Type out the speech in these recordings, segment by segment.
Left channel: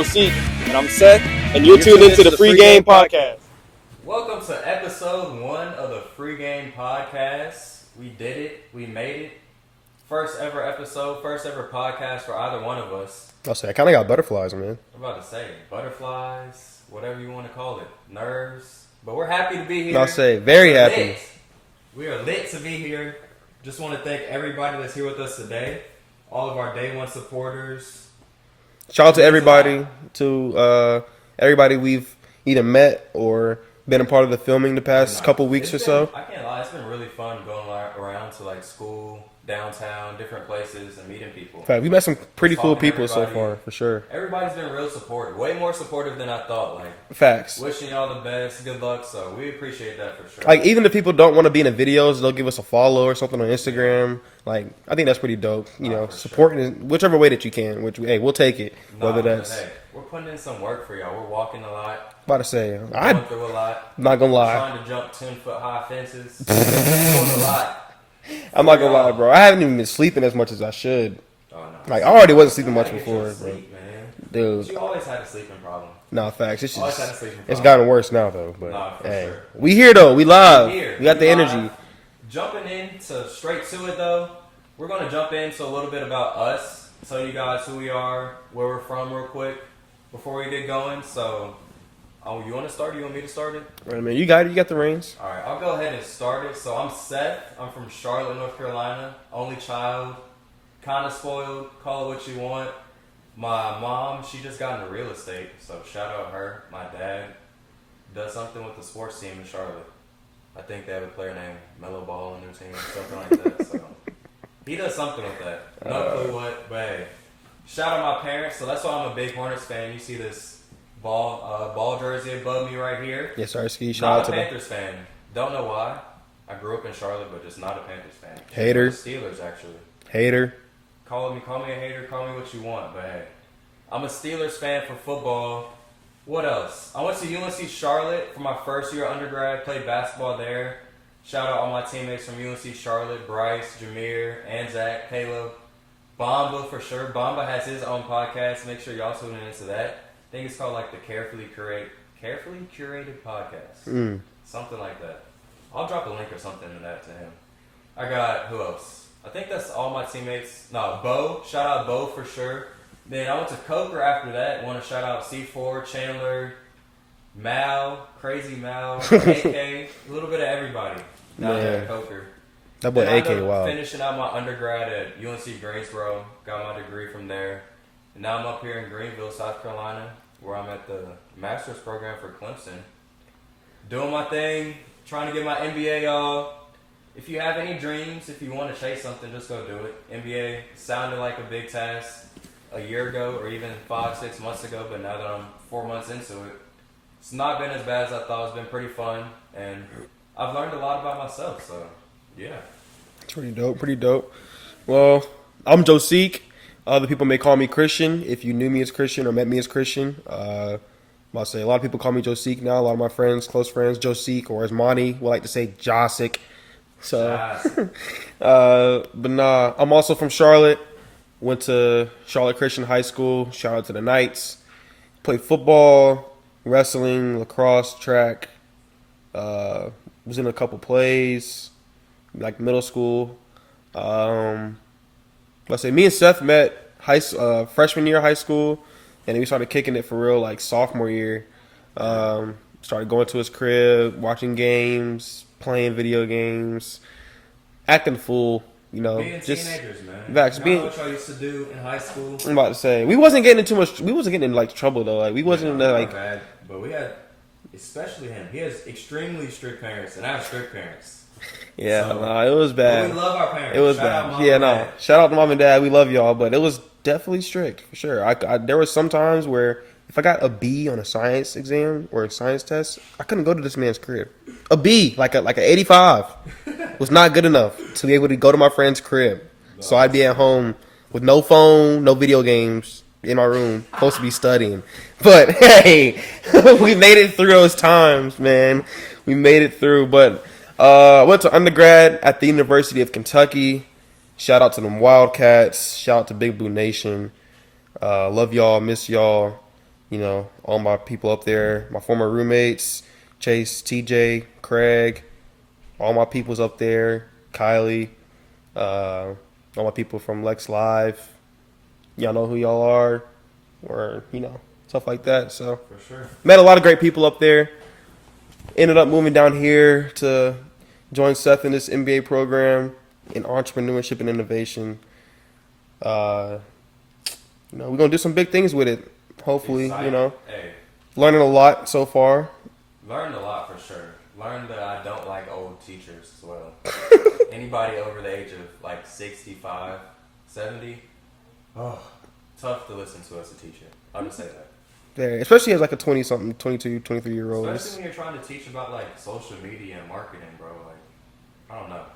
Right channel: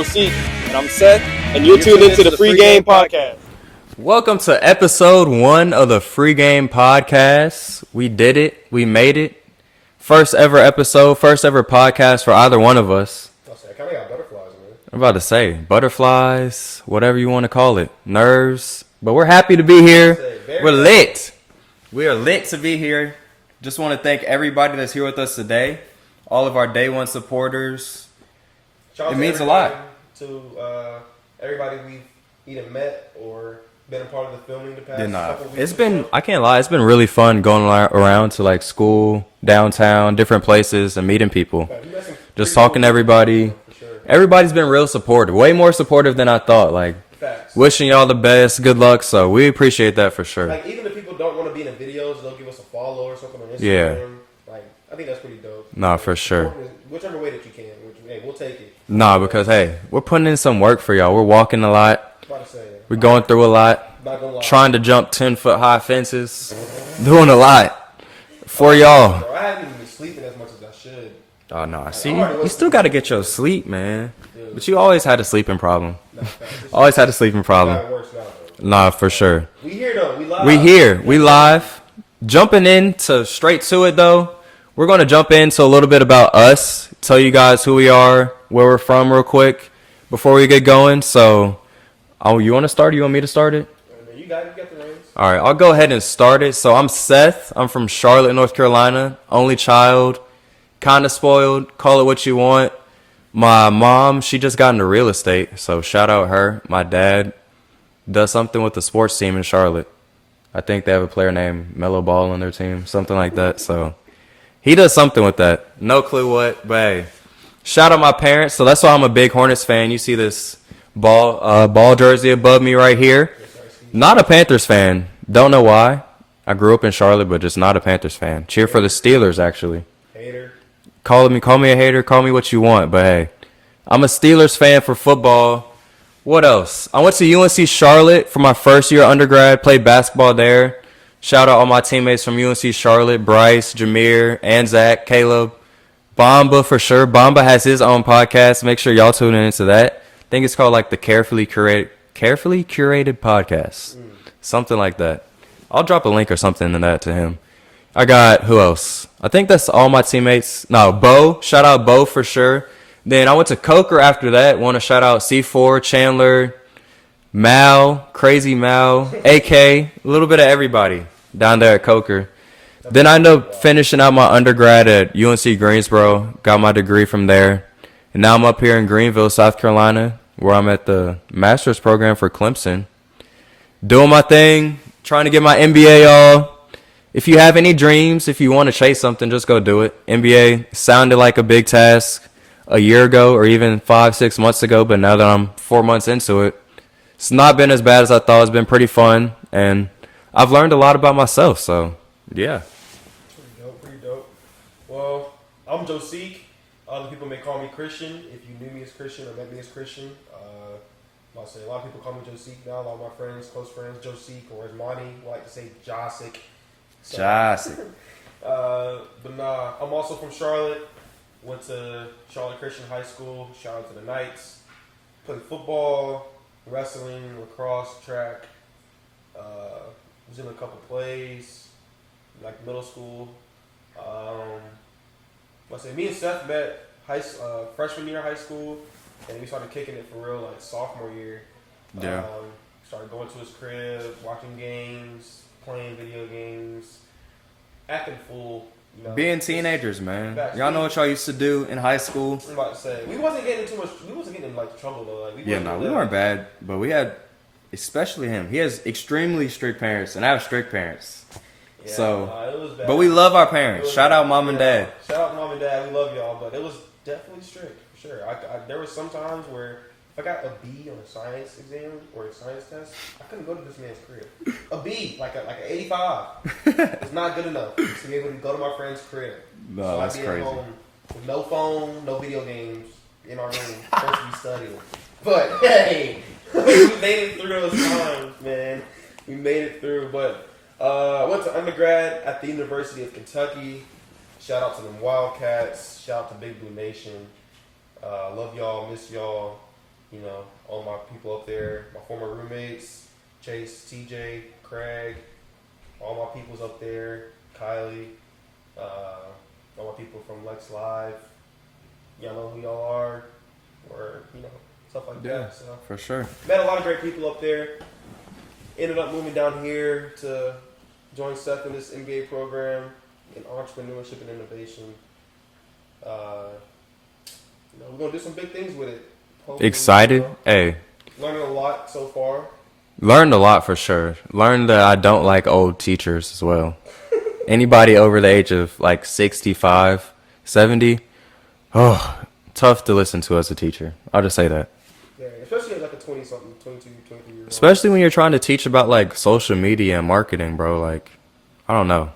Joseph. And I'm Seth. And you're tuned into the Free Game Podcast. Welcome to episode 1 of the Free Game Podcast. We did it. We made it. First ever episode, first ever podcast for either one of us. I'll say, I kind of got butterflies, man. I'm about to say, butterflies, whatever you want to call it, nerves. But we're happy to be here. I'll say, very we're happy. lit. We are lit to be here. Just want to thank everybody that's here with us today. All of our day one supporters. Shout out to everybody we've either met or been a part of the filming the past couple weeks or so. I can't lie, it's been really fun going around to like school, downtown, different places, and meeting people. In fact, we met some pretty just talking cool to everybody. so far, for sure. Everybody's been real supportive, way more supportive than I thought. Like, facts. Wishing y'all the best, good luck. So we appreciate that for sure. Like, even if people don't want to be in the videos, they'll give us a follow or something on Instagram. Yeah. Like, I think that's pretty dope. Nah, for sure. Whichever way that you can, we'll take it. Nah, because we're putting in some work for y'all. We're walking a lot. About to say, we're going through a lot. Not gonna lie. Trying to jump 10-foot high fences. Doing a lot for y'all. Bro, I haven't even been sleeping as much as I should. Oh no! Like, I already wasn't. You still got to get your sleep, man. Dude, but you always had a sleeping problem. Nah, facts. Always had a sleeping problem. It's gotten worse now, though. Nah, for sure. We here though. We live. We here. We live. Jumping into straight to it though. We're going to jump into a little bit about us. Tell you guys who we are, where we're from, real quick before we get going. So. Oh, you want to start? Or you want me to start it? Right, man. You got the reins. All right, I'll go ahead and start it. So I'm Seth. I'm from Charlotte, North Carolina. Only child. Kind of spoiled. Call it what you want. My mom, she just got into real estate. So shout out her. My dad does something with the sports team in Charlotte. I think they have a player named Melo Ball on their team. Something like that. So he does something with that. No clue what. But hey, shout out my parents. So that's why I'm a big Hornets fan. You see this ball jersey above me right here. Yes, sir. Not a Panthers fan. Don't know why. I grew up in Charlotte, but just not a Panthers fan. Cheer for the Steelers, actually. Hater. Call me a hater. Call me what you want. But hey, I'm a Steelers fan for football. What else? I went to UNC Charlotte for my first year undergrad. Played basketball there. Shout out all my teammates from UNC Charlotte: Bryce, Jameer, and Zach, Caleb, Bamba for sure. Bamba has his own podcast. Make sure y'all tune into that. I think it's called like the Carefully Curated Podcast. Something like that. I'll drop a link or something in that to him. I got, who else? I think that's all my teammates. No, Bo. Shout out Bo for sure. Then I went to Coker after that. Want to shout out C4, Chandler, Mal, Crazy Mal, AK, a little bit of everybody down there at Coker. Then I ended up finishing out my undergrad at UNC Greensboro. Got my degree from there. And now I'm up here in Greenville, South Carolina, where I'm at the master's program for Clemson. Doing my thing, trying to get my MBA, y'all. If you have any dreams, if you want to chase something, just go do it. MBA sounded like a big task a year ago or even 5-6 months ago, but now that I'm 4 months into it, it's not been as bad as I thought. It's been pretty fun, and I've learned a lot about myself, so yeah. It's pretty dope. Well, I'm Joseph. Other people may call me Christian. If you knew me as Christian or met me as Christian, I'll say a lot of people call me Joseph now. A lot of my friends, close friends, Joseph, or as Monty would like to say, Josic. So, but nah, I'm also from Charlotte. Went to Charlotte Christian High School. Shout out to the Knights. Played football, wrestling, lacrosse, track. Was in a couple plays, like middle school. Let's say me and Seth met freshman year of high school, and then we started kicking it for real like sophomore year. Yeah. Started going to his crib, watching games, playing video games, acting fool. You know, being teenagers, man. Y'all know what y'all used to do in high school. I'm about to say we wasn't getting in like trouble though. Like we wasn't. We weren't bad, but we had, especially him. He has extremely strict parents, and I have strict parents. Yeah, so, it was bad. But we love our parents. Shout out mom and dad. Shout out to mom and dad. We love y'all, but it was definitely strict for sure. There were some times where if I got a B on a science exam or a science test, I couldn't go to this man's crib. A B, like an 85, was not good enough to be able to go to my friend's crib. No, so I'd be at home with no phone, no video games in my room, supposed to be studying. But hey, we made it through those times, man. We made it through, but. I went to undergrad at the University of Kentucky. Shout out to them Wildcats. Shout out to Big Blue Nation. Love y'all. Miss y'all. all my people up there, my former roommates, Chase, TJ, Craig, all my people's up there, Kylie, all my people from Lex Live. Y'all know who y'all are, or stuff like that. So For sure. met a lot of great people up there. Ended up moving down here to join Seth in this MBA program in entrepreneurship and innovation. We're gonna do some big things with it. Hopefully, Excited? Hey. Learning a lot so far. Learned a lot for sure. Learned that I don't like old teachers as well. Anybody over the age of like 65, 70, tough to listen to as a teacher. I'll just say that. There, especially as like a 20-something, 22, 23-year-old. Especially when you're trying to teach about like social media and marketing, bro. Like, I don't know.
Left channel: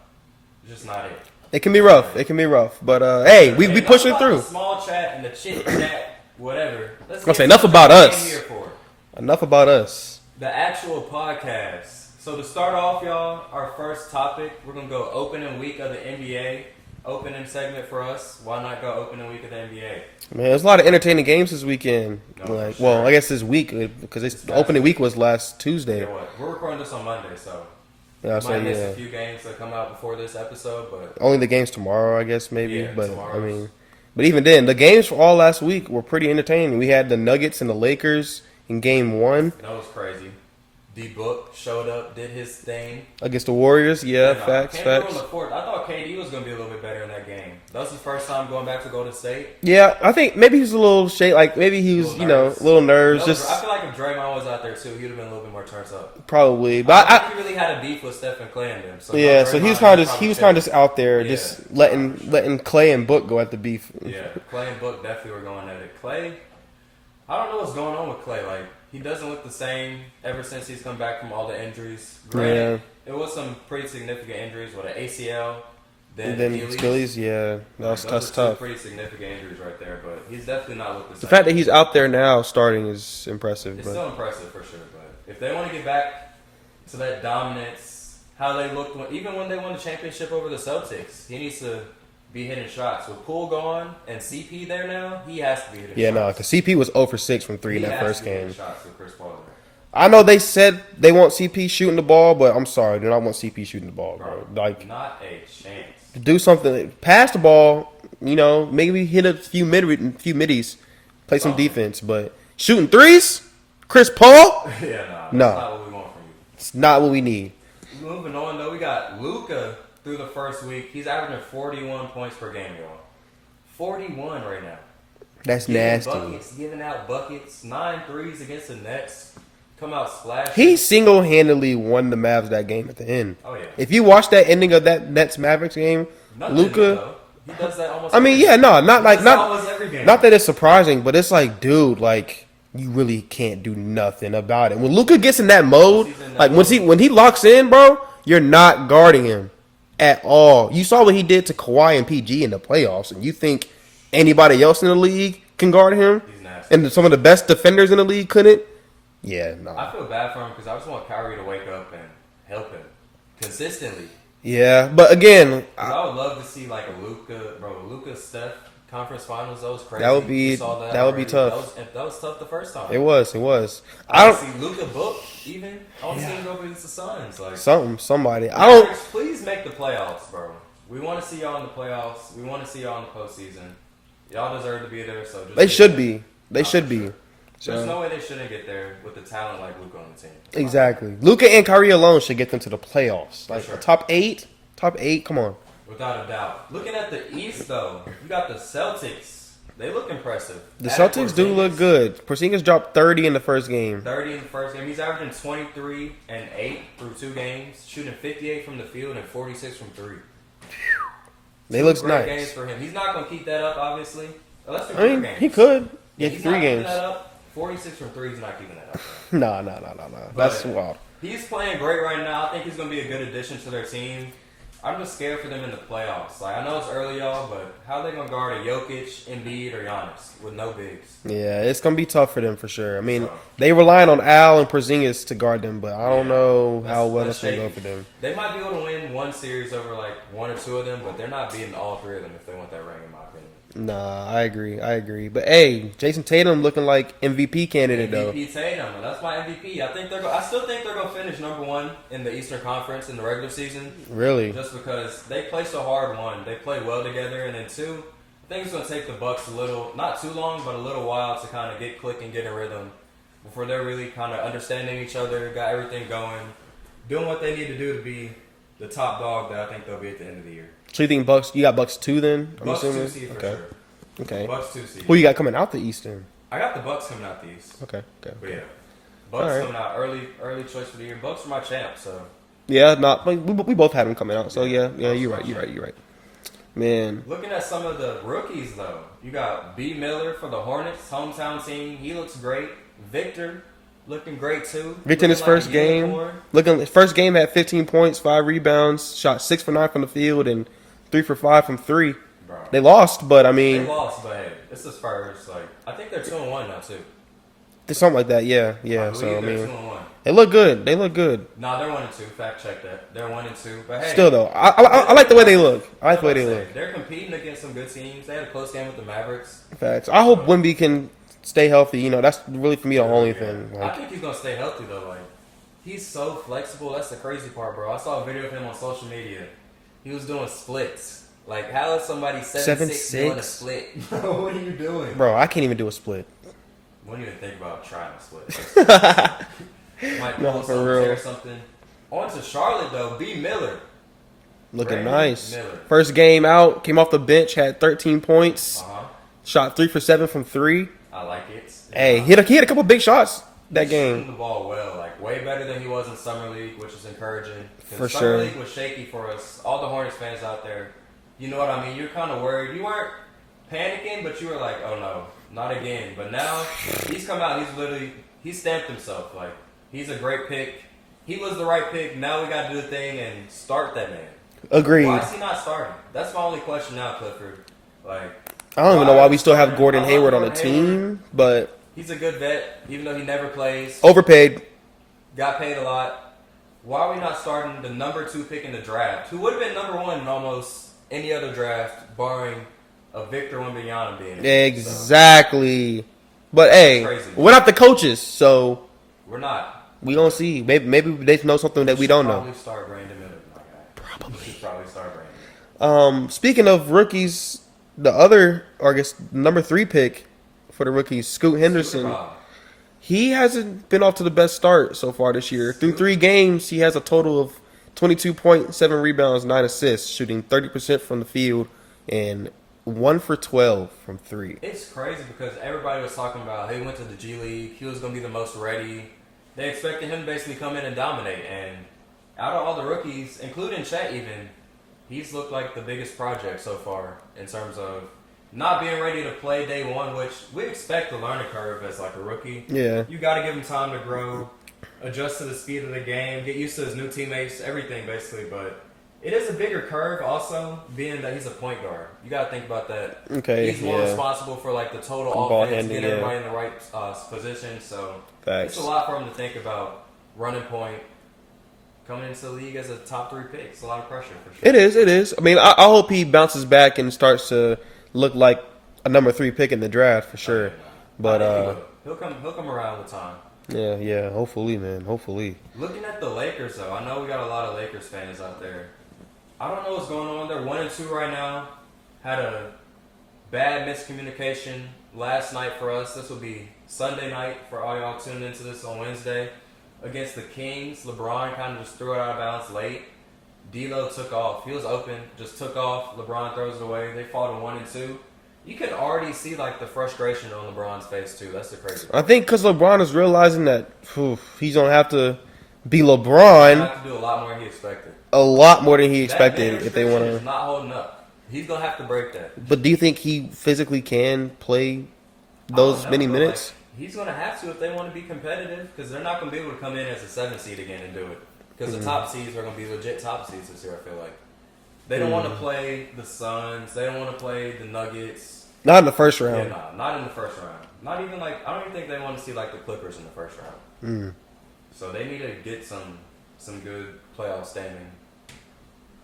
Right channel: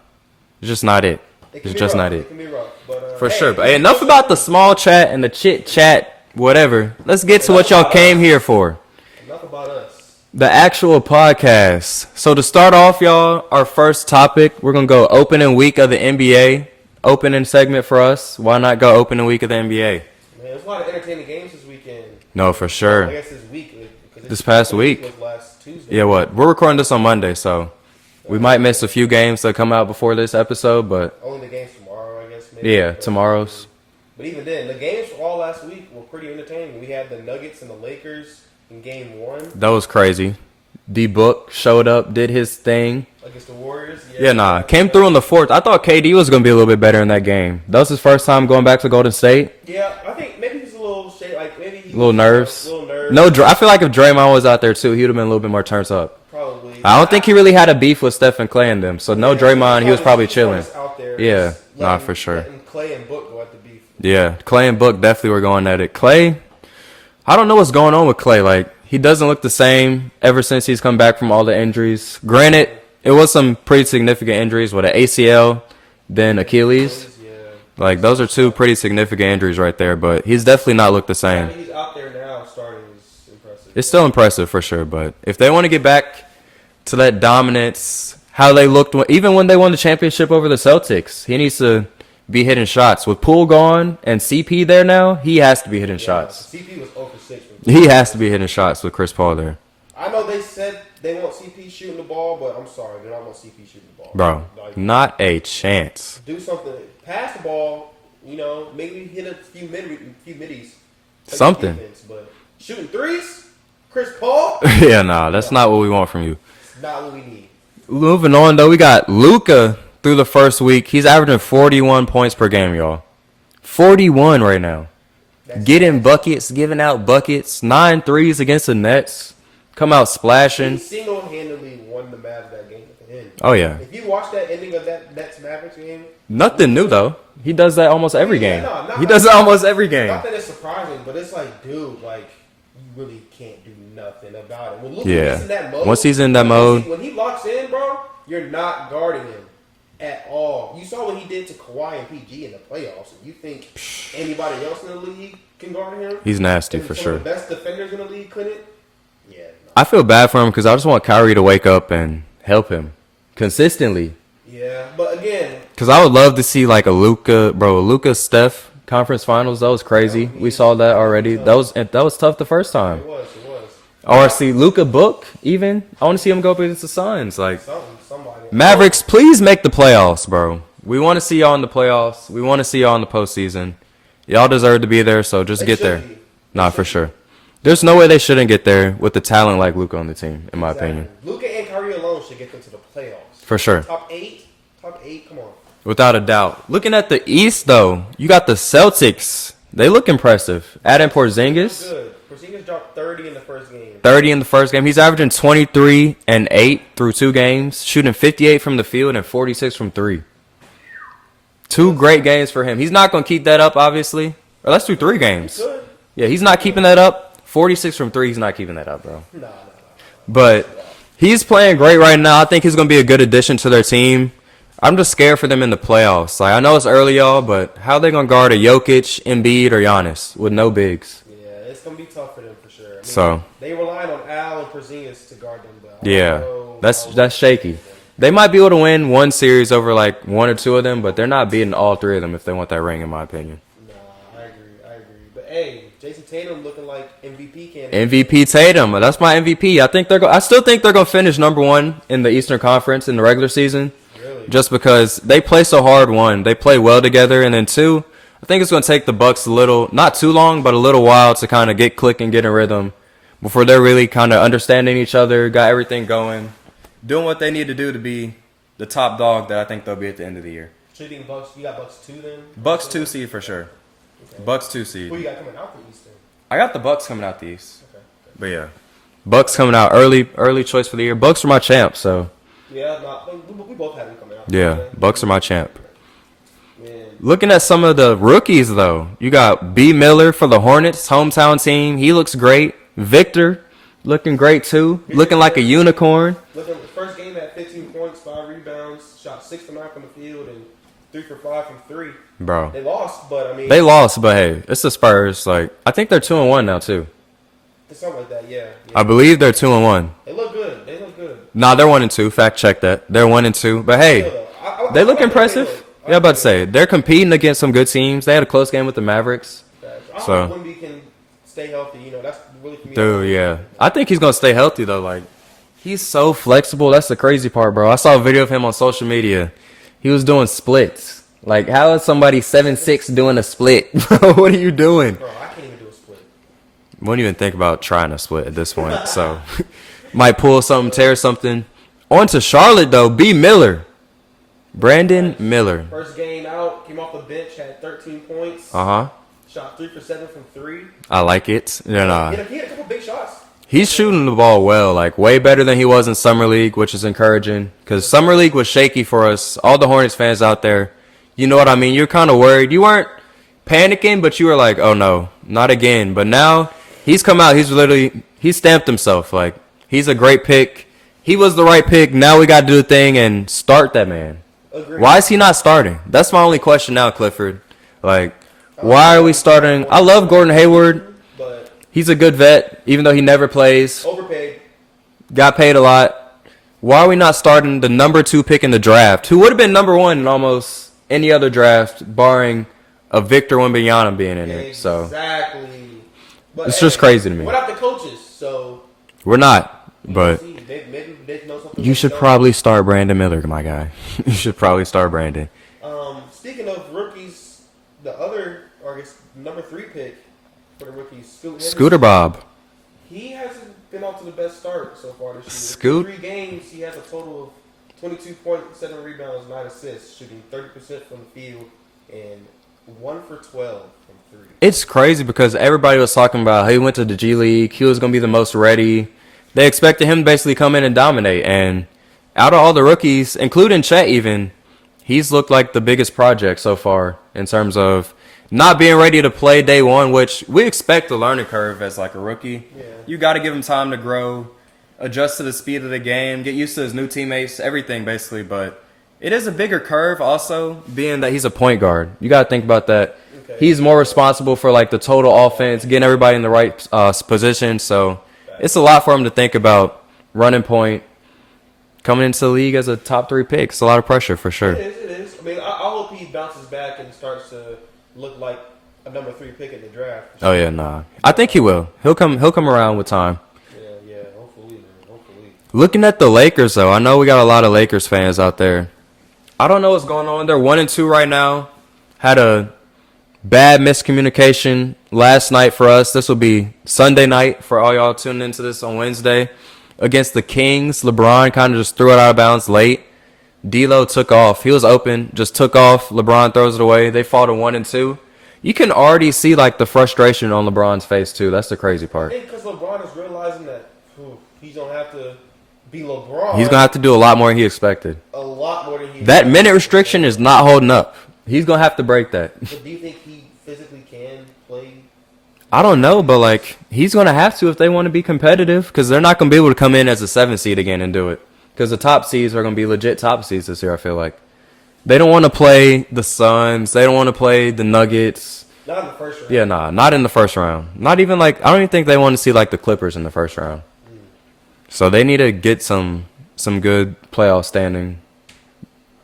It's just not it. It can It's be just rough. not It can be rough. But For hey, sure. we Enough pushing about through. the small chat and the chit chat, whatever. Let's get to Enough what y'all about came us. here for. Enough about us. The actual podcast. So to start off, y'all, our first topic, we're going to go opening week of the NBA. Opening segment for us. Why not go opening week of the NBA? Man, there's a lot of entertaining games this weekend. No, for sure. Well, I guess this week because This past opening week? was last Tuesday. Yeah, what? We're recording this on Monday, so we that's might what- miss yeah. a few games that come out before this episode, but Only the games tomorrow, I guess, maybe. Yeah, But, tomorrow's. but even then, the games for all last week were pretty entertaining. We had the Nuggets and the Lakers in game 1 that was crazy. D-Book showed up, did his thing. against the Warriors. Yeah, facts, came facts. through in the fourth. I thought KD was going to be a little bit better in that game. That was his first time going back to Golden State. Yeah, I think maybe he's a little like maybe he's Little nerves. little nerves. No, Just I feel like if Draymond was out there too, he would have been a little bit more turned up. probably. But I don't think he really had a beef with Steph and Clay and them. So no yeah, so Draymond, he was probably he's chilling. just out there. Yeah, just letting, for sure. letting Clay and Book go at the beef. Yeah, Clay and Book definitely were going at it. Clay, I don't know what's going on with Clay. Like, he doesn't look the same ever since he's come back from all the injuries. Granted, Yeah. it was some pretty significant injuries with an ACL, then Achilles. Yeah, Like, those are two pretty significant injuries right there, but he's definitely not looked the The fact that same. he's out there now starting is impressive. It's but- still impressive for sure, but if they want to get back to that dominance, how they looked, even when they won the championship over the Celtics, he needs to be hitting shots. With Poole gone and CP there now, he has to be hitting yeah, shots. because CP was 0 for 6 from 3. He has to be hitting shots with Chris Paul there. I know they said they want CP shooting the ball, but I'm sorry, they don't want CP shooting the ball, Bro, Like, not a chance. do something, pass the ball. Maybe hit a few middies, play Something. some defense. But shooting threes, Chris Paul, Yeah, nah, that's No. not what we want from you. it's not what we need. Moving on, though, we got Luka through the first week. He's averaging 41 points per game, y'all. 41 right now. That's Getting nasty. buckets, giving out buckets. 9 threes against the Nets. Come out splashing. He single-handedly won the Mavs that game at the end. Oh, yeah. If you watch that ending of that Nets Mavericks game, Nothing Luka- new, though. He does that almost I every mean, game. yeah, no, not He like- does that not- almost every game. Not that it's surprising, but it's like, dude, like you really can't do nothing about it. When Luka Yeah. gets in that mode, Once he's in that like, mode- when he locks in, bro, you're not guarding him at all. You saw what he did to Kawhi and PG in the playoffs, and you think anybody else in the league can guard him? He's nasty. And for some of sure. the best defenders in the league couldn't. Yeah, no. I feel bad for him because I just want Kyrie to wake up and help him consistently. Yeah, but again, Because I would love to see like a Luka Steph conference finals. That was crazy. would be- We saw that that would be already. tough. That was tough the first time. it was. I want to see Luka Book even. I want to see him go up against the Suns. Like Somebody. Mavericks, please make the playoffs, bro. We want to see y'all in the playoffs. We want to see y'all in the postseason. Y'all deserve to be there, so just They get should there. be. They Nah, should for be. sure. There's no way they shouldn't get there with the talent like Luka on the team, in my Exactly. opinion. Luka and Kyrie alone should get them to the playoffs. For sure. Top eight. Come on. Without a doubt. Looking at the East, though, you got the Celtics. They look impressive. Adding Celtics do look Porzingis, good. Porzingis dropped 30 in the first game. 30 in the first game. He's averaging 23 and 8 through 2 games, shooting 58 from the field and 46 from 3. Two looks great nice. games for him. He's not going to keep that up, obviously. Or let's do 3 games. He could. Yeah, he's not keeping that up. 46 from 3, he's not keeping that up, though. No. But That's wild. he's playing great right now. I think he's going to be a good addition to their team. I'm just scared for them in the playoffs. Like I know it's early, y'all, but how they gonna guard a Jokic, Embiid, or Giannis with no bigs? Yeah, it's gonna be tough for them for sure. I mean, So- they relying on Al and Porzingis to guard them, but I don't know. That's how well that's it's gonna go shaky. for them. They might be able to win one series over like one or two of them, but they're not beating all three of them if they want that ring, in my opinion. Nah, I agree. But hey, Jason Tatum looking like MVP candidate. MVP Tatum, that's my MVP. I still think they're gonna finish number one in the Eastern Conference in the regular season. Though. Really? Just because they play so hard. One, they play well together, and then two, I think it's gonna take the Bucks not too long, but a little while to kind of get clicking, get in rhythm, before they're really kind of understanding each other, got everything going, doing what they need to do to be the top dog that I think they'll be at the end of the year. So you think Bucks? You got Bucks 2 then? Bucks 2 seed for sure. Okay. Bucks 2 seed. Who you got coming out the East then? I got the Bucks coming out the East. Okay. But yeah, Bucks coming out early choice for the year. Bucks are my champ, so Yeah, we both had them coming out. So Yeah, Bucks are my champ. You're right. Man, looking at some of the rookies though, you got B. Miller for the Hornets, hometown team. He looks great. Victor looking great too. Victor in looking his like a first unicorn. his first game had 15 points, 5 rebounds, shot 6 for 9 from the field, and 3 for 5 from 3. Bro. They lost, but I mean, They lost, but hey, it's the Spurs. Like I think they're 2-1 now too. something like that. Yeah. I believe they're so, 2-1. They look good. Nah, they're 1-2. Fact check that. They're 1-2. But hey, Still though, I they look like the way they impressive. look. I Yeah, like I'm the way about to say look. they're competing against some good teams. They had a close game with the Mavericks. Facts. I hope Wemby can stay healthy. You know, that's really for me. Dude, yeah. I think he's gonna stay healthy though. Like he's so flexible. That's the crazy part, bro. I saw a video of him on social media. He was doing splits. Like, how is somebody 7'6" doing a split? Bro, what are you doing? Bro, I can't even do a split. Wouldn't even think about trying a split at this point. So might pull something, tear something. On to Charlotte though. B. Miller. Brandon Nice. Miller. First game out, came off the bench, had 13 points. Uh-huh. Shot 3 for 7 from 3. I like it. Hey, Yeah. he had a couple big shots. He's that shooting game. the ball well, like way better than he was in Summer League, which is encouraging. Because For Summer sure. League was shaky for us. All the Hornets fans out there, you know what I mean? You're kind of worried. You weren't panicking, but you were like, oh no, not again. But now he's come out. He stamped himself. Like, he's a great pick. He was the right pick. Now we got to do the thing and start that man. Agreed. Why is he not starting? That's my only question now, Clifford. Like, I don't know why are we still have starting? Gordon I love Hayward Gordon on the Hayward. team, but He's a good vet, even though he never plays. overpaid. Got paid a lot. Why are we not starting the number 2 pick in the draft, who would have been number 1 in almost any other draft, barring a Victor Wembanyama being in it? So Exactly. But It's hey, just crazy to me. we're not the coaches, so we're not. we but will see. Maybe they know something You that we should don't probably start Brandon Miller, my guy. You should probably start Brandon. know. Speaking of rookies, the other, or I guess, number 3 pick for the rookies, Scoot Henderson. Scooter Bob. He hasn't been off to the best start so far this year. Scoot? Through 3 games, he has a total of 22.7 rebounds, 9 assists, shooting 30% from the field, and 1 for 12 from 3. It's crazy because everybody was talking about how he went to the G League. He was going to be the most ready. They expected him to basically come in and dominate. And out of all the rookies, including Chet even, he's looked like the biggest project so far in terms of not being ready to play day one, which we expect a learning curve as like a rookie. Yeah. You got to give him time to grow, adjust to the speed of the game, get used to his new teammates, everything basically. But it is a bigger curve also, being that he's a point guard. You got to think about that. Okay, He's more yeah. responsible for like the total offense, handling, getting everybody in the right position. So Facts. it's a lot for him to think about. Running point, coming into the league as a top 3 pick. It's a lot of pressure for sure. It is. I mean, I hope he bounces back and starts to look like a number 3 pick in the draft for sure. Oh yeah, nah. I think he will. He'll come around with time. Yeah. Hopefully, man. Hopefully. Looking at the Lakers though, I know we got a lot of Lakers fans out there. I don't know what's going on. They're 1-2 right now. Had a bad miscommunication last night for us. This will be Sunday night for all y'all tuning into this on Wednesday. Against the Kings, LeBron kind of just threw it out of bounds late. D'Lo took off. He was open, just took off. LeBron throws it away. They fall to 1-2. You can already see like the frustration on LeBron's face too. That's the crazy part. I think because LeBron is realizing that he's going to have to be LeBron. He's gonna have to do a lot more than he expected. a lot more than he That expected minute if they restriction want. is not holding up. He's gonna have to break that. But do you think he physically can play? I don't know, many but minutes? like he's gonna have to if they want to be competitive, because they're not gonna be able to come in as a 7 seed again and do it. Because the top seeds are gonna be legit top seeds this year. I feel like. They don't want to play the Suns. They don't want to play the Nuggets. Not in the first round. Yeah, nah, not in the first round. Not even like I don't even think they want to see like the Clippers in the first round. So they need to get some good playoff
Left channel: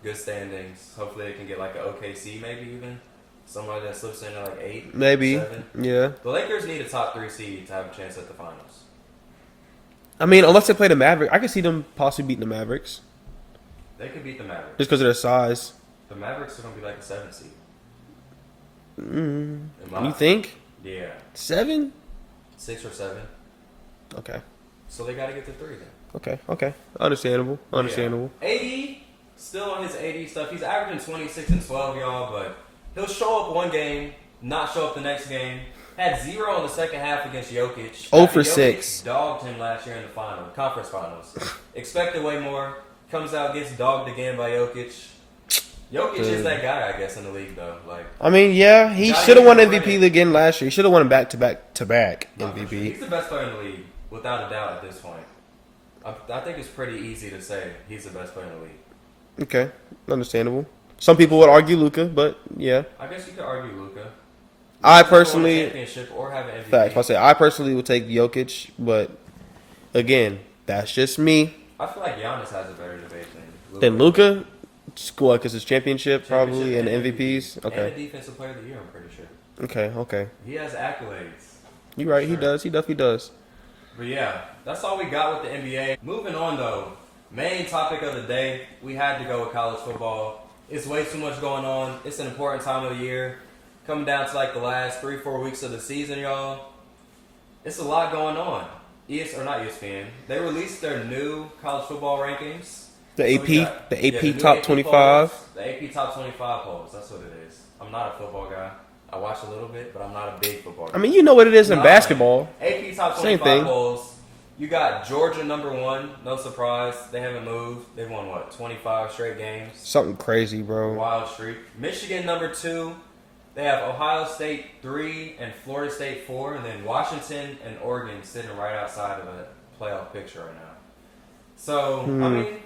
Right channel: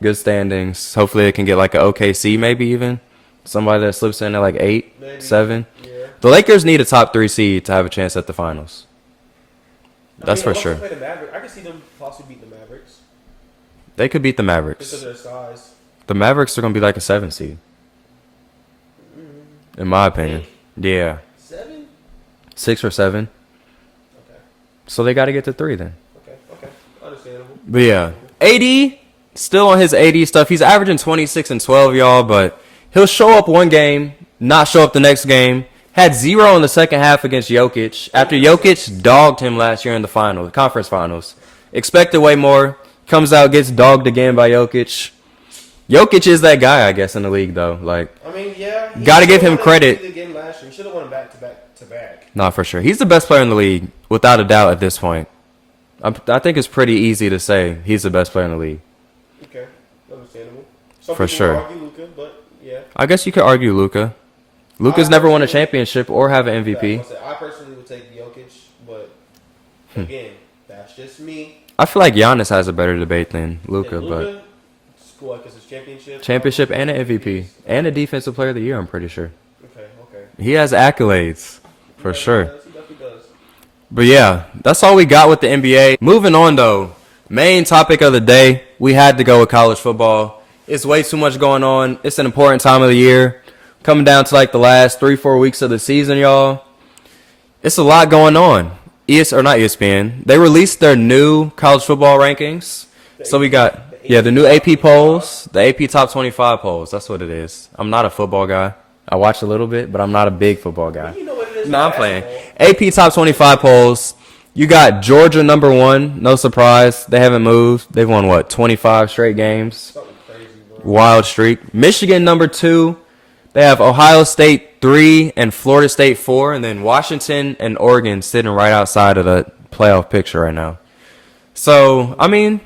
good standings. Hopefully they can get like an OKC maybe even. Somebody that slips in at like 8, maybe 7. Yeah. The Lakers need a top 3 seed to have a chance at the finals. I That's mean, for unless sure. they play the Mavericks, I can see them possibly beating the Mavericks They could beat the Mavericks. just because of their size. The Mavericks are going to be like a 7 seed. In my You opinion. think? Yeah. 7? 6 or 7. Okay. So they got to get to 3 then. Okay. Understandable. But yeah. AD, still on his AD stuff. He's averaging 26 and 12, y'all, but he'll show up one game, not show up the next game. Had 0 in the second half against Jokic. After for Jokic 6. dogged him last year in the conference finals. Expected way more. Comes out, gets dogged again by Jokic. Jokic is that guy, I guess, in the league, though. Like, I mean, yeah, he Gotta should give have him won credit. MVP again last year. He should have won back to back. not for sure. He's the best player in the league, without a doubt, at this point. I think it's pretty easy to say he's the best player in the league. Okay, understandable. Some For people sure. would argue Luka, but yeah. I guess you could argue Luka. Luka's never won a personally- championship or have an MVP. I personally would take Jokic, but again, that's just me. I feel like Giannis has a better debate than Luka. And Luka, what? Because it's championship, Championship probably, and an MVP. MVPs? Okay. And a Defensive Player of the Year, I'm pretty sure. Okay. He has accolades, You're for right, sure. He definitely does. But yeah, that's all we got with the NBA. Moving on, though. Main topic of the day, we had to go with college football. It's way too much going on. It's an important time of the year. Coming down to like the last 3-4 weeks of the season, y'all. It's a lot going on. Not ESPN. They released their new college football rankings. The So we AP got the new top AP 25. polls, the AP top 25 polls. That's what it is. I'm not a football guy. I watch a little bit, but I'm not a big football guy. I mean, you know what it is in No, I'm basketball. playing. AP top 25 thing. polls. You got Georgia number 1. No surprise. They haven't moved. They've won, 25 straight games. Something crazy, bro. Wild streak. Michigan number 2. They have Ohio State 3 and Florida State 4. And then Washington and Oregon sitting right outside of the playoff picture right now. So, I mean,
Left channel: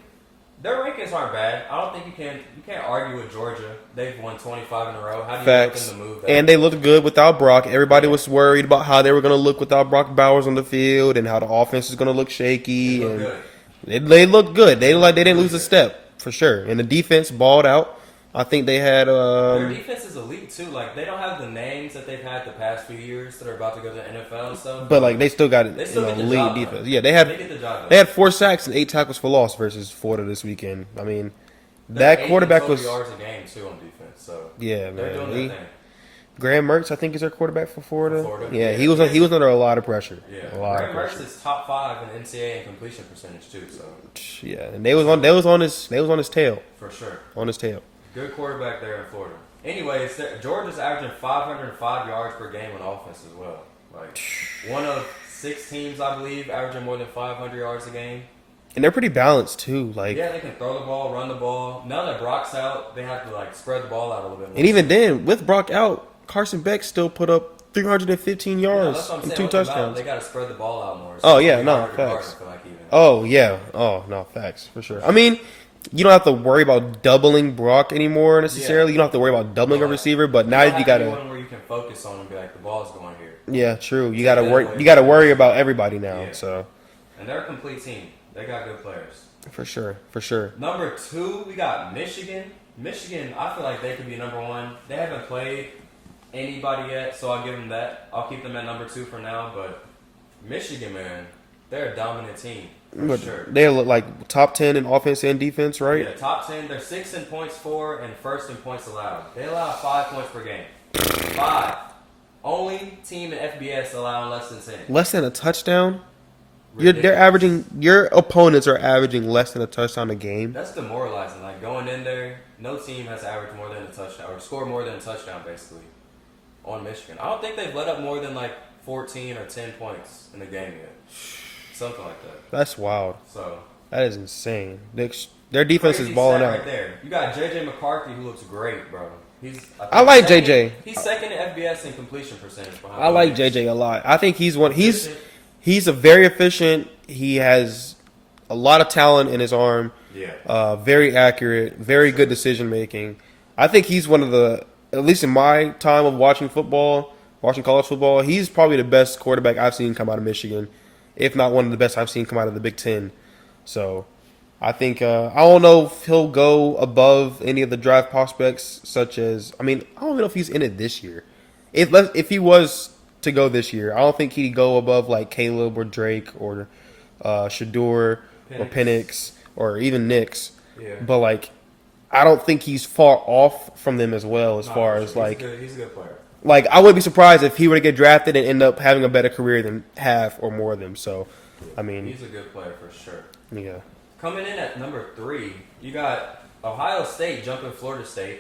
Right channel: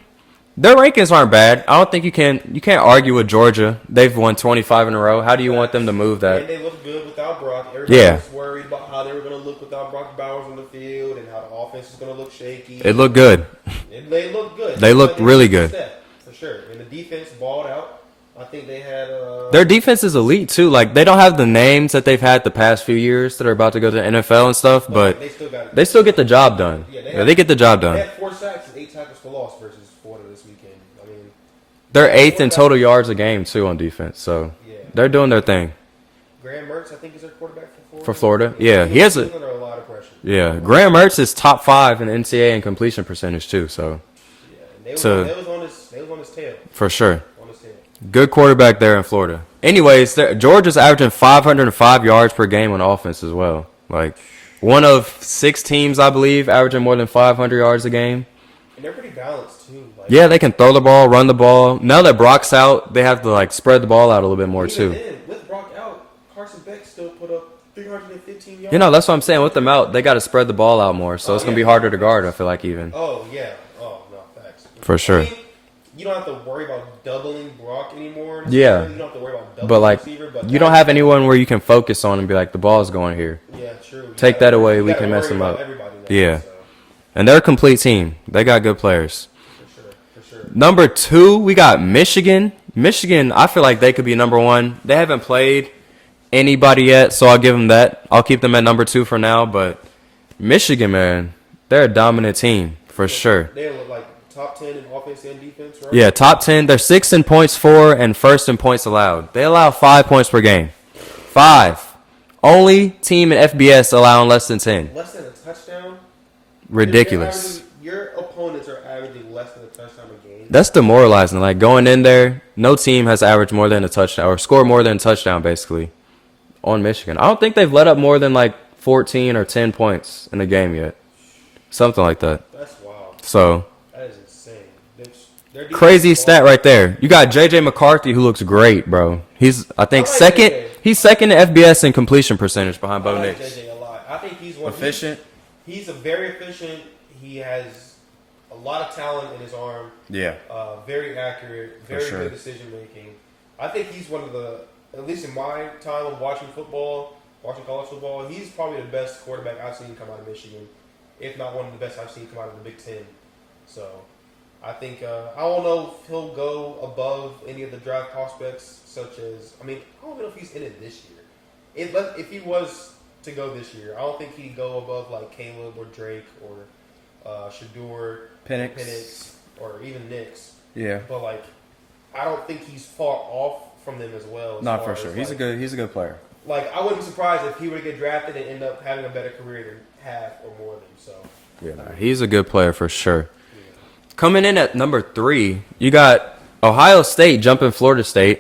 their rankings aren't bad. I don't think you can't argue with Georgia. They've won 25 in a row. How do you want them to move that? And they look good without Brock. Everybody Yeah. was worried about how they were going to look without Brock Bowers on the field and how the offense is going to look shaky. It looked good. They look good. They look didn't really lose a good. step, for sure. And the defense balled out. I think they had Their defense is elite too. Like they don't have the names that they've had the past few years that are about to go to the NFL and stuff, but like, they still got it. they still get the job done. Yeah, they get the job done. They had 4 sacks and 8 tackles for loss versus Florida this weekend. I mean, They're that 8th in quarterback total was- yards a game too on defense. So Yeah, they're man. doing their thing. Graham Mertz, I think, is their quarterback for Florida. For Florida? Yeah, he he has was under a lot of pressure. Yeah, A lot. Graham Mertz is top 5 in NCAA in completion percentage too. So Yeah, and they was So- on his tail. for sure, On his tail. good quarterback there in Florida. Anyways, Georgia's averaging 505 yards per game on offense as well. Like one of 6 teams, I believe, averaging more than 500 yards a game. And they're pretty balanced too. Like, Yeah, they can throw the ball, run the ball. Now that Brock's out, they have to like spread the ball out a little bit more and even too. then, with Brock out, Carson Beck still put up 315 yards. You know, that's what I'm saying. and 2 With them out, touchdowns. they got to spread the ball out more, so Oh, it's gonna yeah, be no, harder to guard. I facts. feel like even. Oh yeah. Oh no, facts For sure. I mean, you don't have to worry about doubling Brock anymore necessarily. You don't have to worry about doubling But the like, receiver. But you now don't have gotta- anyone where you can focus on and be like, the ball's going here. Yeah, true. You Take gotta that worry, away, You we got to can worry mess them about up. everybody now. Yeah. So And they're a complete team. They got good players. for sure. Number 2, we got Michigan. Michigan, I feel like they could be number 1. They haven't played anybody yet, so I'll give them that. I'll keep them at number 2 for now. But Michigan, man, they're a dominant team for sure. They look like top 10 in offense and defense, right? Yeah, top 10. They're 6th in points for and 1st in points allowed. They allow 5 points per game. 5. Only team in FBS allowing less than 10. Less than a touchdown. Ridiculous. Your opponents are averaging less than a touchdown a game. That's demoralizing. Like going in there, no team has averaged more than a touchdown or scored more than a touchdown basically on Michigan. I don't think they've let up more than like 14 or 10 points in a game yet. Something like that. That's wild. So That is insane. Their defense crazy is stat balling. right there. You got JJ McCarthy who looks great, bro. He's I think I like second. JJ. He's second in FBS in completion percentage behind. I Bo like Nix. JJ a lot. I think he's one. Efficient. He's a very efficient. He has a lot of talent in his arm. Yeah. Very accurate, very good decision making. I think he's one of the, at least in my time of watching college football, he's probably the best quarterback I've seen come out of Michigan, if not one of the best I've seen come out of the Big Ten. So I think, I don't know if he'll go above any of the draft prospects, such as, I don't even know if he's in it this year. If he was to go this year, I don't think he'd go above like Caleb or Drake or Shador or Penix or even Nix. Yeah. But like, I don't think he's far off from them as well. As far as like, he's a good player. Like, I wouldn't be surprised if he were to get drafted and end up having a better career than half or more of them. So, Yeah. He's a good player for sure. Yeah. Coming in at number 3, you got Ohio State jumping Florida State.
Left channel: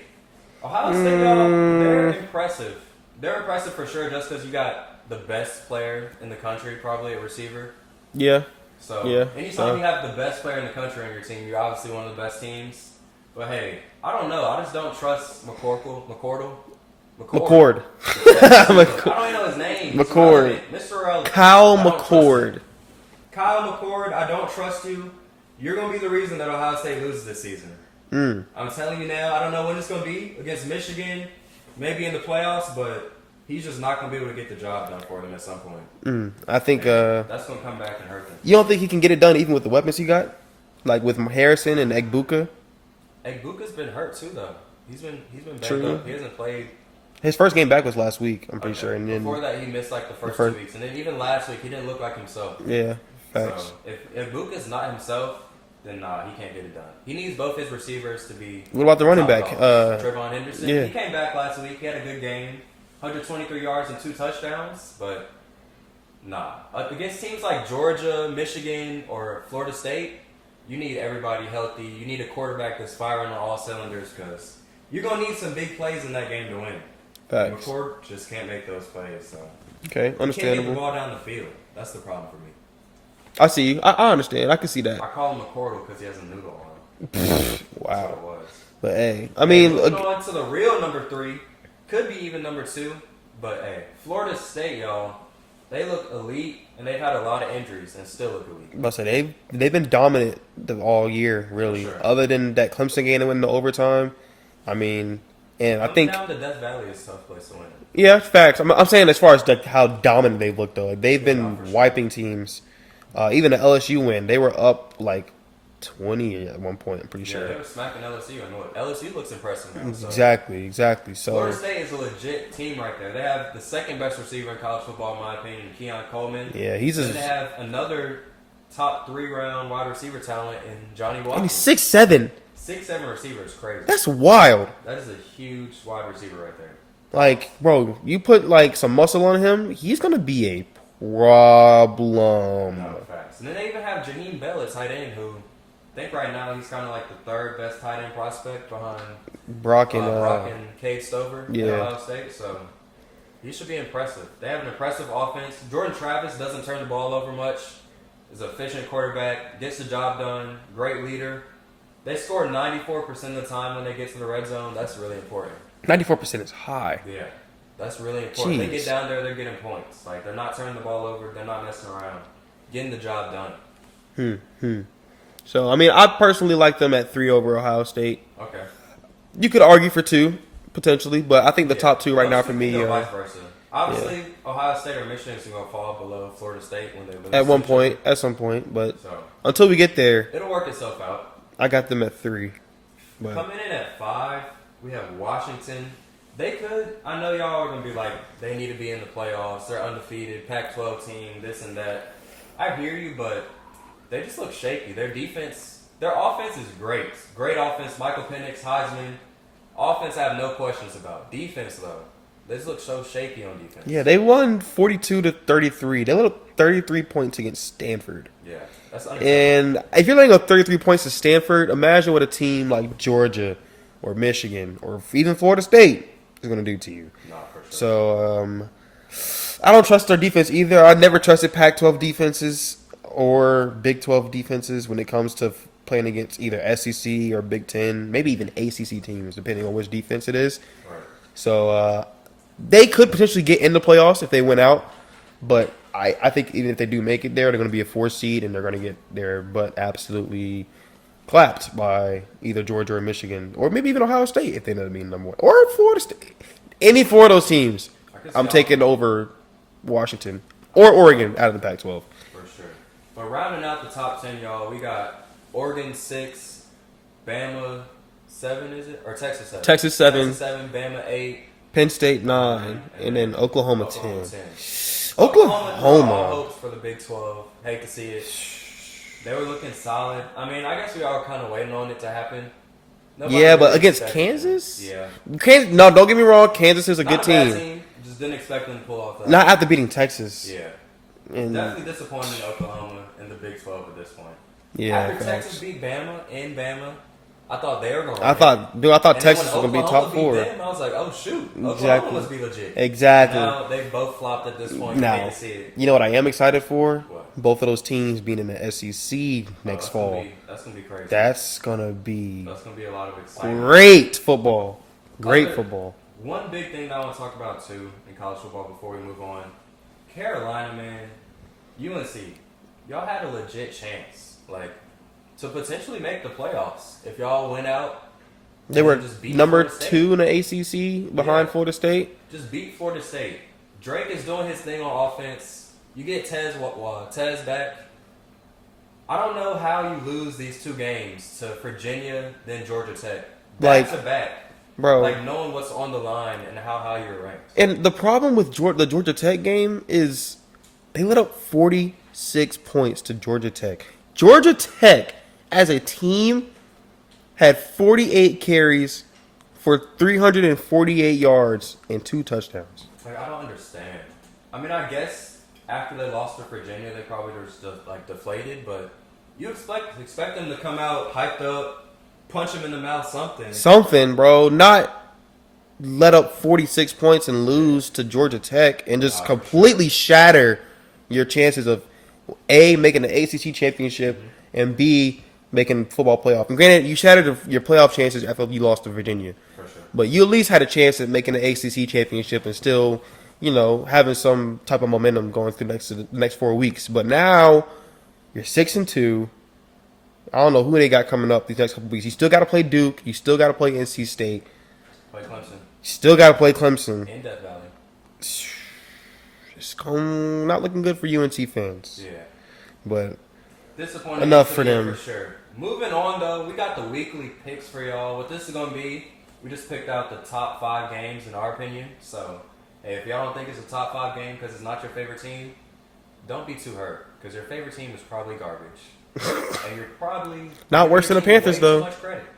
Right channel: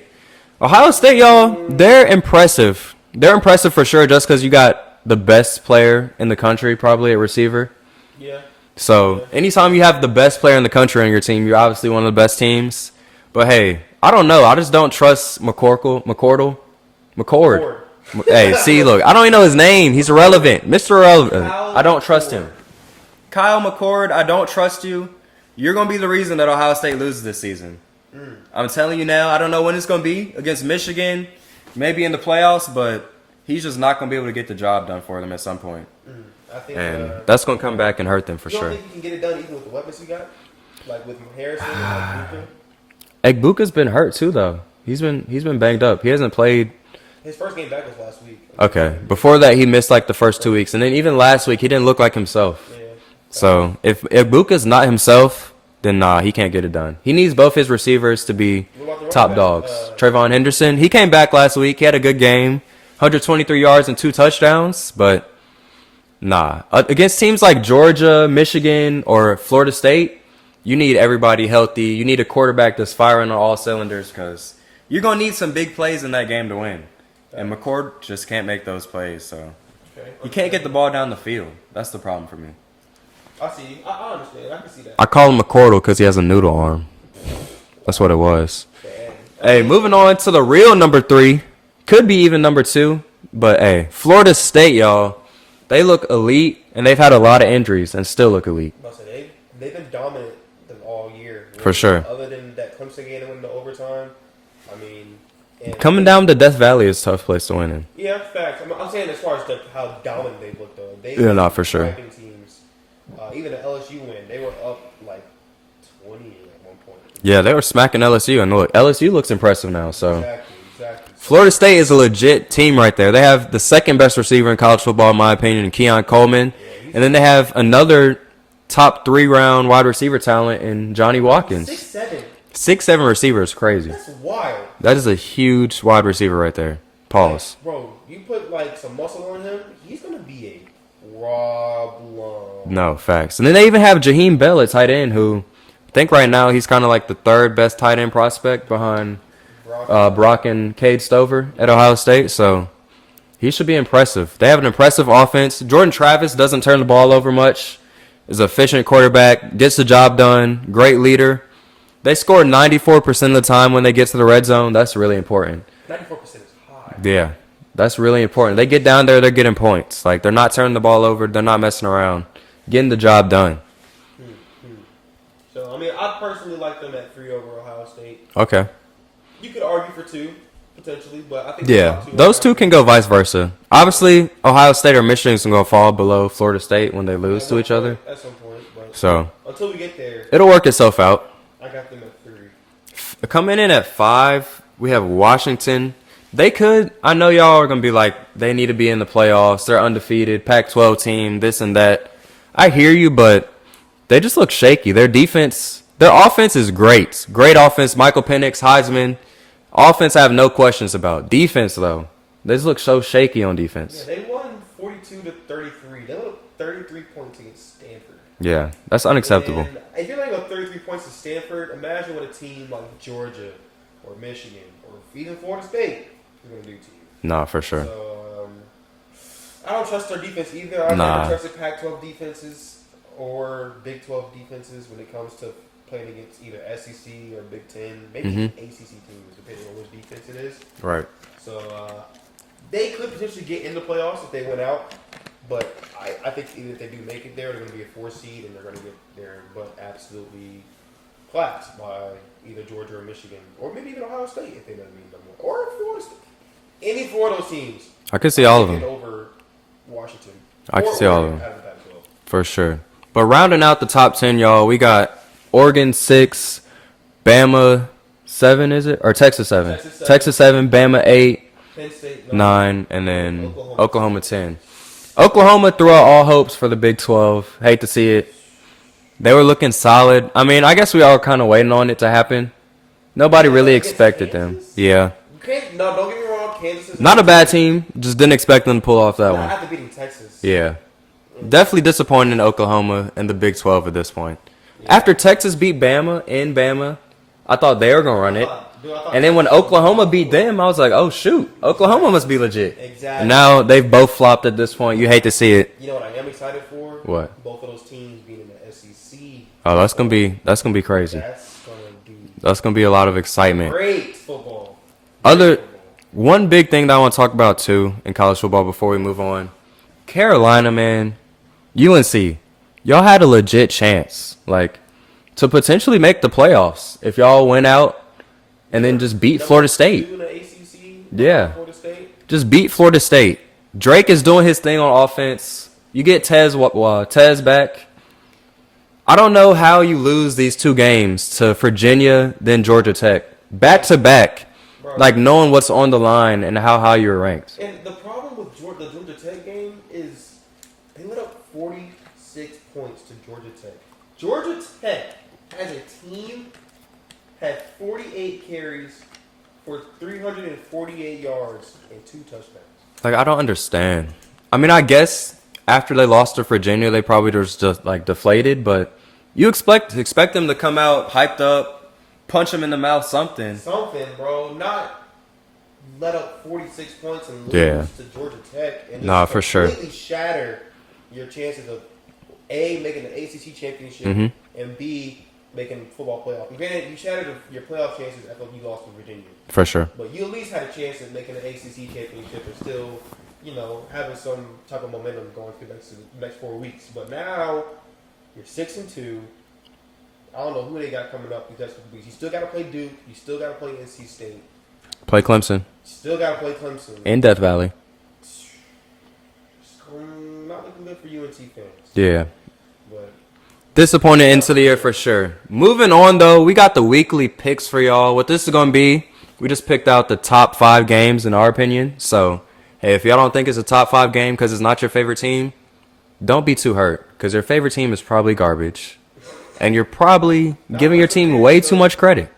Ohio State, y'all, they're impressive. They're impressive for sure just because you got the best player in the country, probably at receiver. Yeah. So anytime you have the best player in the country on your team, you're obviously one of the best teams. But hey, I don't know. I just don't trust McCord. Hey, see, look, I don't even know his name. He's irrelevant. Mr. Irrelevant. Kyle I don't trust McCord. him. Kyle McCord, I don't trust you. You're going to be the reason that Ohio State loses this season. I'm telling you now, I don't know when it's going to be against Michigan, maybe in the playoffs, but he's just not going to be able to get the job done for them at some point. I think that's going to come back and hurt them for you sure. don't think he can get it done even with the weapons he got? Like with Harrison and Egbuka? Egbuka's been hurt too, though. He's been banged up. He hasn't played. His first game back was last week. I'm pretty sure. Okay. Before that, he missed like the first 2 weeks. And then even last week, he didn't look like himself. Yeah. So if Egbuka's not himself, then nah, he can't get it done. He needs both his receivers to be What about the running top back? dogs. Trayvon Henderson, he came back last week. He had a good game, 123 yards and 2 touchdowns. But nah, against teams like Georgia, Michigan, or Florida State, you need everybody healthy. You need a quarterback that's firing on all cylinders because you're gonna need some big plays in that game to win. And McCord just can't make those plays. So you can't get the ball down the field. That's the problem for me. I see you. I understand. I can see that. I call him McCordle because he has a noodle arm. That's what it was. But hey, Moving on to the real number 3. Could be even number 2. But hey, Florida State, y'all, they look elite, and they've had a lot of injuries and still look elite. I say they've been dominant all year, really. For sure. Other than that Clemson game that went into overtime, and Coming down to Death Valley is a tough place to win in. Yeah, facts. I'm saying as far as how dominant they've looked, though, they've been for sure. wiping teams. Even the LSU win, they were up like 20 at one point. Yeah, they were smacking LSU, and look, LSU looks impressive now. So exactly. So, Florida State is a legit team right there. They have the second best receiver in college football, in my opinion, Keon Coleman. Yeah, and then they have another top 3-round wide receiver talent in Johnny Watkins. 6'7". 6'7" receiver is crazy. That's wild. That is a huge wide receiver right there. Pause. Like, bro, you put like some muscle on him, he's gonna be a problem. No, facts. And then they even have Jaheim Bell at tight end, who I think right now he's kind of like the 3rd best tight end prospect behind Brock and Cade Stover at Ohio State. So he should be impressive. They have an impressive offense. Jordan Travis doesn't turn the ball over much. Is an efficient quarterback, gets the job done, great leader. They score 94% of the time when they get to the red zone. That's really important. 94% is high. Yeah, that's really important. Jeez. They get down there, they're getting points. Like, they're not turning the ball over. They're not messing around. Getting the job done. So, I personally like them at 3 over Ohio State. Okay. You could argue for 2, potentially, but I think the top 2 right those now 2 can go vice versa. Obviously, Ohio State or Michigan's going to fall below Florida State when they lose to each other. At some point, but so until we get there, it'll work itself out. I got them at 3. Coming in at 5, we have Washington. They could. I know y'all are going to be like, they need to be in the playoffs. They're undefeated, Pac-12 team, this and that. I hear you, but they just look shaky. Their offense is great. Great offense. Michael Penix, Heisman. Offense I have no questions about. Defense, though, they just look so shaky on defense. Yeah, they won 42-33. They let up 33 points against Stanford. Yeah, that's unacceptable. And if you're letting up 33 points to Stanford, imagine what a team like Georgia or Michigan or even Florida State is going to do to you. Nah, for sure. So, I don't trust their defense either. I never trusted Pac-12 defenses or Big 12 defenses when it comes to playing against either SEC or Big 10, maybe even ACC teams, depending on which defense it is. Right. So, they could potentially get in the playoffs if they went out. But I think even if they do make it there, they're going to be a 4 seed, and they're going to get their butt absolutely clapped by either Georgia or Michigan, or maybe even Ohio State if they end up being number one, or Florida State. Any 4 of those teams, I could see I'm all taking of them. over Washington I or could see all of Oregon them. out of the Pac-12. For sure. But rounding out the top 10, y'all, we got Oregon 6, Bama 7, is it? Or Texas 7? Texas 7. Texas 7, Bama 8, Penn State 9, and then Oklahoma 10. Oklahoma threw out all hopes for the Big 12. Hate to see it. They were looking solid. I mean, I guess we all were kind of waiting on it to happen. Nobody Yeah, really but against expected Kansas? them. Yeah. No, don't get me wrong. Kansas is a Not good a bad team. Just didn't expect them to pull off that Not one. after beating Texas. Yeah. And- Definitely disappointed in Oklahoma and the Big 12 at this point. Yeah, After Texas beat Bama in Bama, I thought they were going to run I it. thought. And then when Texas was gonna be Oklahoma top beat 4. them, I was like, oh, shoot. Oklahoma Exactly. must be legit. Exactly. And now they've both flopped at this point. You hate to see it. You know what I am excited for? What? Both of those teams being in the SEC. Oh, that's fall. gonna be crazy. That's gonna be That's gonna be a lot of excitement. great football. Great football. One big thing that I want to talk about too in college football before we move on, Carolina, man, UNC, y'all had a legit chance, like, to potentially make the playoffs if y'all went out They and were then just beat number Florida State. 2 in the ACC behind Yeah. Florida State. Just beat Florida State. Drake is doing his thing on offense. You get Tez back. I don't know how you lose these 2 games to Virginia, then Georgia Tech. Back to back. Bro. Like knowing what's on the line and how high you're ranked. And the problem with the Georgia Tech game is they let up 46 points to Georgia Tech. Georgia Tech, as a team, had 48 carries for 348 yards and 2 touchdowns. Like, I don't understand. I mean, I guess after they lost to Virginia, they probably just like deflated, but you expect them to come out hyped up, punch them in the mouth, something. Something, bro. Not let up 46 points and lose Yeah. to Georgia Tech and just Nah, for sure. completely shatter your chances of A, making the ACC championship, Mm-hmm. and B, making football playoff. And granted, you shattered your playoff chances after you lost to Virginia. For sure. But you at least had a chance at making the ACC championship and still, having some type of momentum going through the next 4 weeks. But now you're 6-2. I don't know who they got coming up these next couple weeks. You still got to play Duke. You still got to play NC State. Play Clemson You still got to play Clemson. in Death Valley. It's not looking good for UNC fans. Yeah. But Disappointed Enough into the for year them. for sure. Moving on, though, we got the weekly picks for y'all. What this is going to be, we just picked out the top 5 games in our opinion. So, hey, if y'all don't think it's a top 5 game because it's not your favorite team, don't be too hurt because your favorite team is probably garbage. And you're probably Not giving your worse than the team Panthers, way though. too much credit.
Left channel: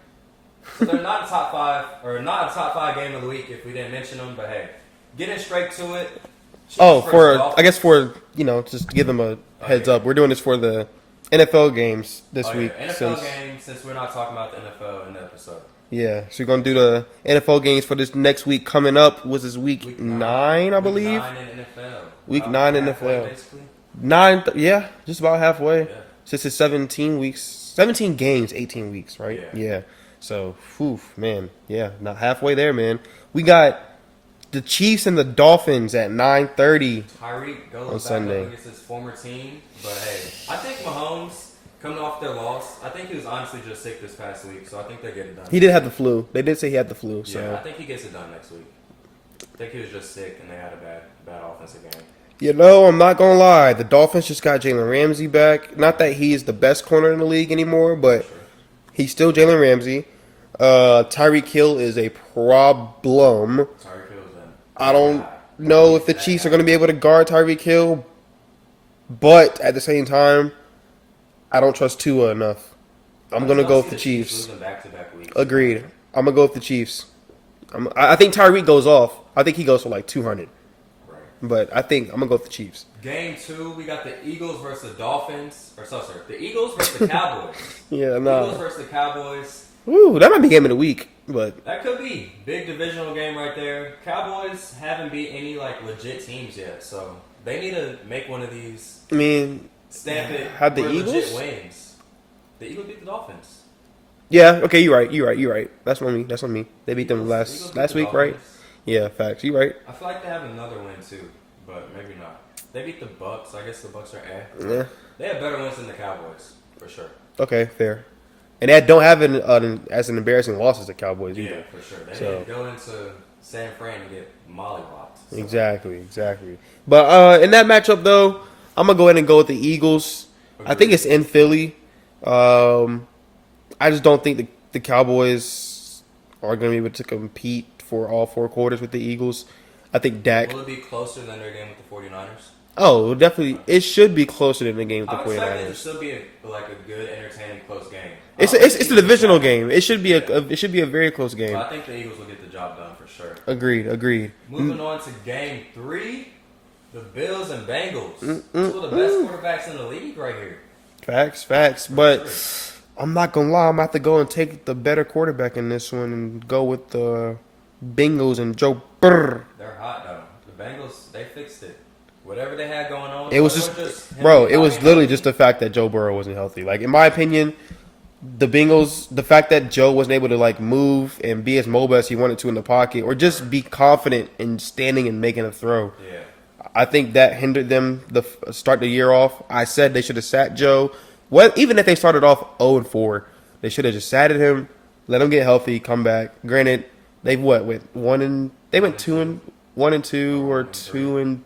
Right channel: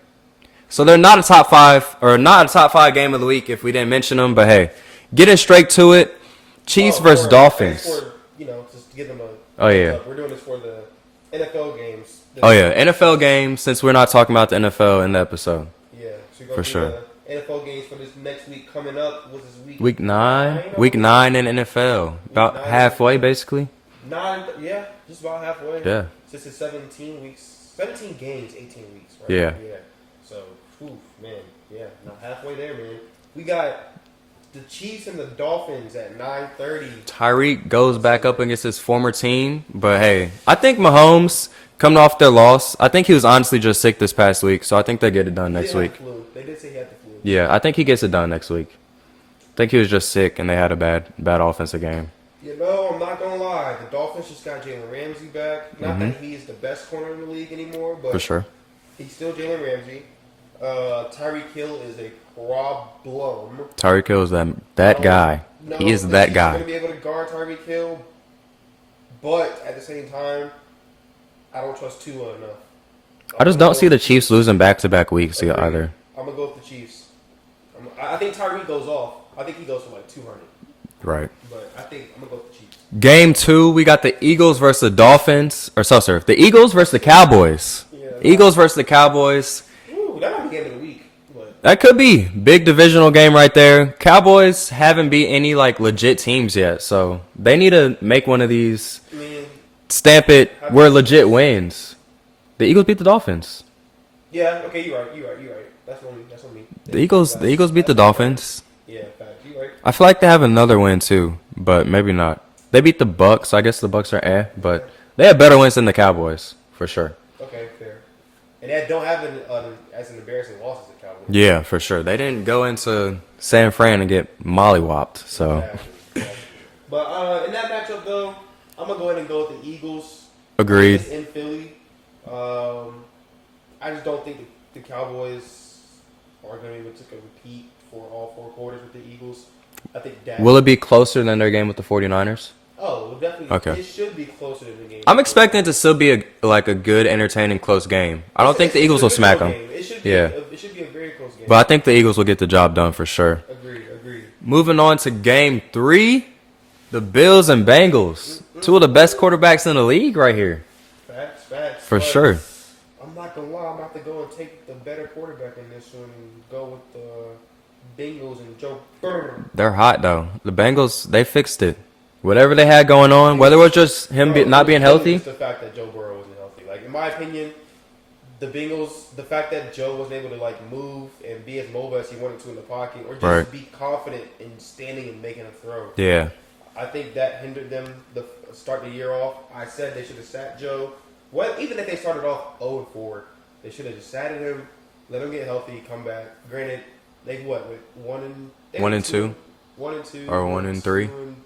So they're not a top 5 or not a top 5 game of the week if we didn't mention them. But hey, getting straight to it. Chiefs versus Dolphins. I guess just to give them a Oh, heads yeah. up. We're doing this for the NFL games. this Oh yeah, week. NFL So- game. Since we're not talking about the NFL in the episode. Yeah, so we're gonna For do sure. the NFL games for this next week coming up. Was this week? Week 9. I Week believe? 9 in NFL. Week About 9 in halfway, NFL. basically. 9. Yeah, just about halfway. Yeah. Since it's 17 weeks, 17 games, 18 weeks, right? Yeah. Yeah. So, man, yeah, not halfway there, man. We got the Chiefs and the Dolphins at 9:30. Tyreek goes On back up Sunday. against his former team. But hey, I think Mahomes, coming off their loss, I think he was honestly just sick this past week. So I think they get it done He next did have week. the flu. They did say he had the flu. so- Yeah, I think he gets it done next week. I think he was just sick and they had a bad offensive game. I'm not gonna lie. The Dolphins just got Jalen Ramsey back. Not that he's the best corner in the league anymore, but For sure. he's still Jalen Ramsey. Tyreek Hill is a problem. Tyreek Hill is that I don't guy. know He is if the that Chiefs guy. are going to be able to guard Tyreek Hill, but at the same time, I don't trust Tua enough. I just don't see the Chiefs losing back-to-back weeks Agreed. either. I'm gonna go with the Chiefs. I think Tyreek goes off. I think he goes for like 200, Right. but I think I'm gonna go with the Chiefs. Game 2, we got the Eagles versus the Dolphins. Or so, sir. The Eagles versus the Cowboys. Yeah, nah. Eagles versus the Cowboys. Ooh, that might be game of the week, but That could be. Big divisional game right there. Cowboys haven't beat any, like, legit teams yet. So they need to make one of these. I mean, Stamp it Have the where legit Eagles? wins. The Eagles beat the Dolphins. yeah, okay, you're right. That's on me. They The beat Eagles them the Eagles beat last the week, right? Dolphins. Yeah, facts. You're right. I feel like they have another win, too. But maybe not. They beat the Bucks. I guess the Bucks are but Yeah. they have better wins than the Cowboys for sure. Okay, fair. And they don't have as an embarrassing loss as the Cowboys. Yeah, for sure. They didn't go into San Fran and get mollywopped. So Exactly. But in that matchup, though, I'm gonna go ahead and go with the Eagles. I Agreed. think it's in Philly. I just don't think the Cowboys are gonna be able to compete for all 4 quarters with the Eagles. I think Dak. Will it be closer than their game with the 49ers? Oh, definitely. Okay. It should be closer than the game. with I'm the expecting it 49ers. to still be a good, entertaining, close game. I don't It's think the a Eagles will divisional smack them. game. It should be Yeah. it should be a very close game. But I think the Eagles will get the job done for sure. Agreed. Moving on to game 3, the Bills and Bengals. 2 of the best quarterbacks in the league right here. Facts. For But sure. I'm not gonna lie. I'm gonna have to go and take the better quarterback in this one and go with the Bengals and Joe Burrow. They're hot, though. The Bengals, they fixed it. Whatever they had going on, It whether it was- was just him Bro, not it was being literally healthy. just the fact that Joe Burrow wasn't healthy. Like, in my opinion, the Bengals, the fact that Joe wasn't able to like move and be as mobile as he wanted to in the pocket, or just Right. be confident in standing and making a throw. Yeah. I think that hindered them the start the year off. I said they should have sat Joe. Well, even if they started off 0-4, they should have just sat at him, let him get healthy, come back. Granted, they've went 1 and they One went and 2 2. 1 and 2 Or or 1 and 3. 2 and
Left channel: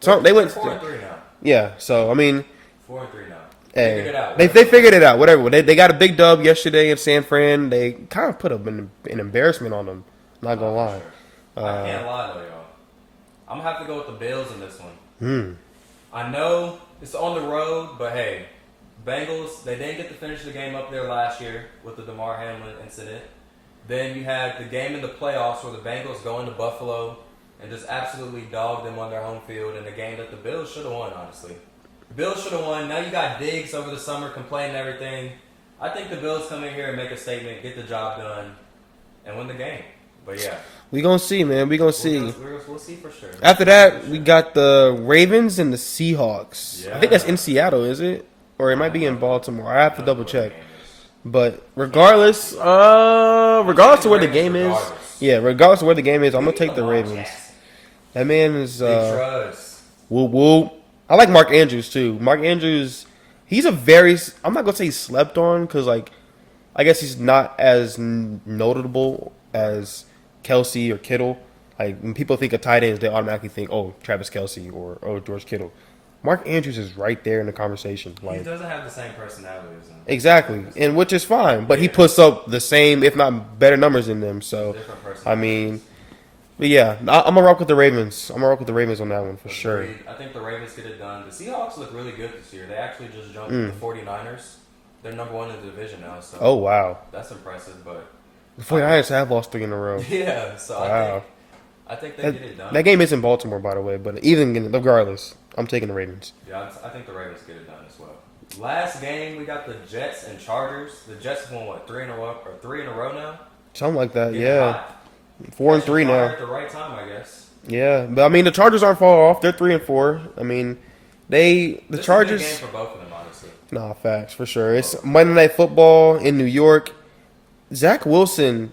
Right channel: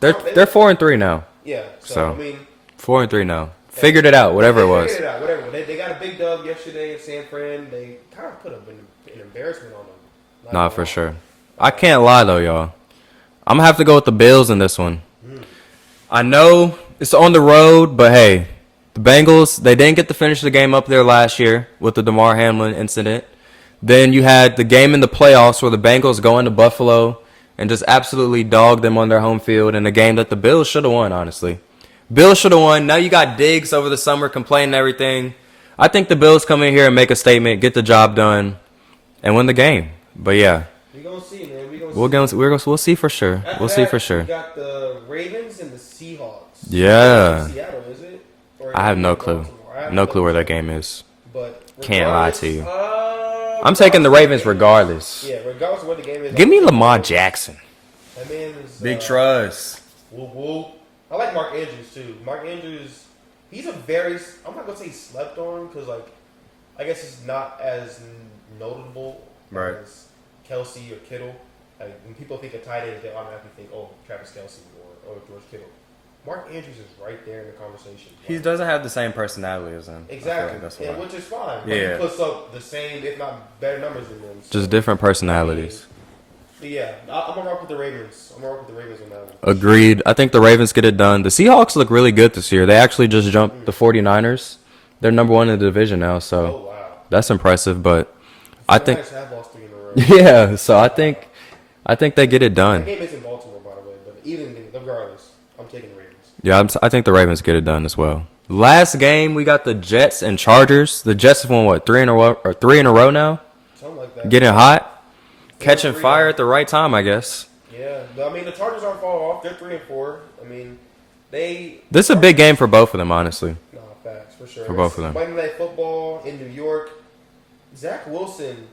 They're went 4-3 now. yeah. So I mean. 4-3 now. Hey, Figured it out. Whatever They it was. figured it out. Whatever. They got a big dub yesterday in San Fran. They kind of put an embarrassment on them. Not Nah, gonna for lie. sure. I can't lie though, y'all. I'm gonna have to go with the Bills in this one. I know it's on the road, but hey, the Bengals, they didn't get to finish the game up there last year with the DeMar Hamlin incident. Then you had the game in the playoffs where the Bengals go into Buffalo and just absolutely dog them on their home field in a game that the Bills should have won, honestly. Bills should have won. Now you got Diggs over the summer complaining and everything. I think the Bills come in here and make a statement, get the job done, and win the game. But yeah, We gonna see, man. We gonna see. we'll see for sure. After we'll that, see for sure. we got the Ravens and the Seahawks. I Yeah. think that's in Seattle, is it? Or it I might have be no in clue. Baltimore. I have No to clue where that double-check. game is. But lie regardless, to you. I'm taking the Ravens regardless. Yeah, regardless of where the game is. I'm Give me gonna take the Lamar Ravens. Jackson. That man is trust. whoop whoop. I like Mark Andrews too. Mark Andrews, he's a very. I'm not gonna say he's slept on because like, I guess he's not as notable Right. as Kelsey or Kittle. Like when people think of tight ends, they automatically think, oh, Travis Kelsey or oh, George Kittle. Mark Andrews is right there in the conversation. He Like, doesn't have the same personality as him. exactly, That's and why. which is fine. But he Yeah. puts up the same, if not better, numbers than them. So Just different personalities. but yeah, I'm gonna rock with the Ravens. I'm gonna rock with the Ravens on that one. for sure. Agreed. I think the Ravens get it done. The Seahawks look really good this year. They actually just jumped the 49ers. They're number 1 in the division now, so Oh wow, that's impressive. But the I 49ers think, have lost 3 in a row. yeah. So I Wow. think they get it done. That game is in Baltimore, by the way, but even regardless, I'm taking the Ravens. Yeah, I think the Ravens get it done as well. Last game we got the Jets and Chargers. The Jets have won what 3 in a row now. Something like that. Getting Yeah. hot, 4 and catching 3 fire now. at the right time, I guess. Yeah, but I mean the Chargers aren't far off. They're 3 and 4. I mean, the This is a big Chargers- game for both of them, honestly. Nah, facts for sure. For both It's of them. Monday Night Football in New York. Zach Wilson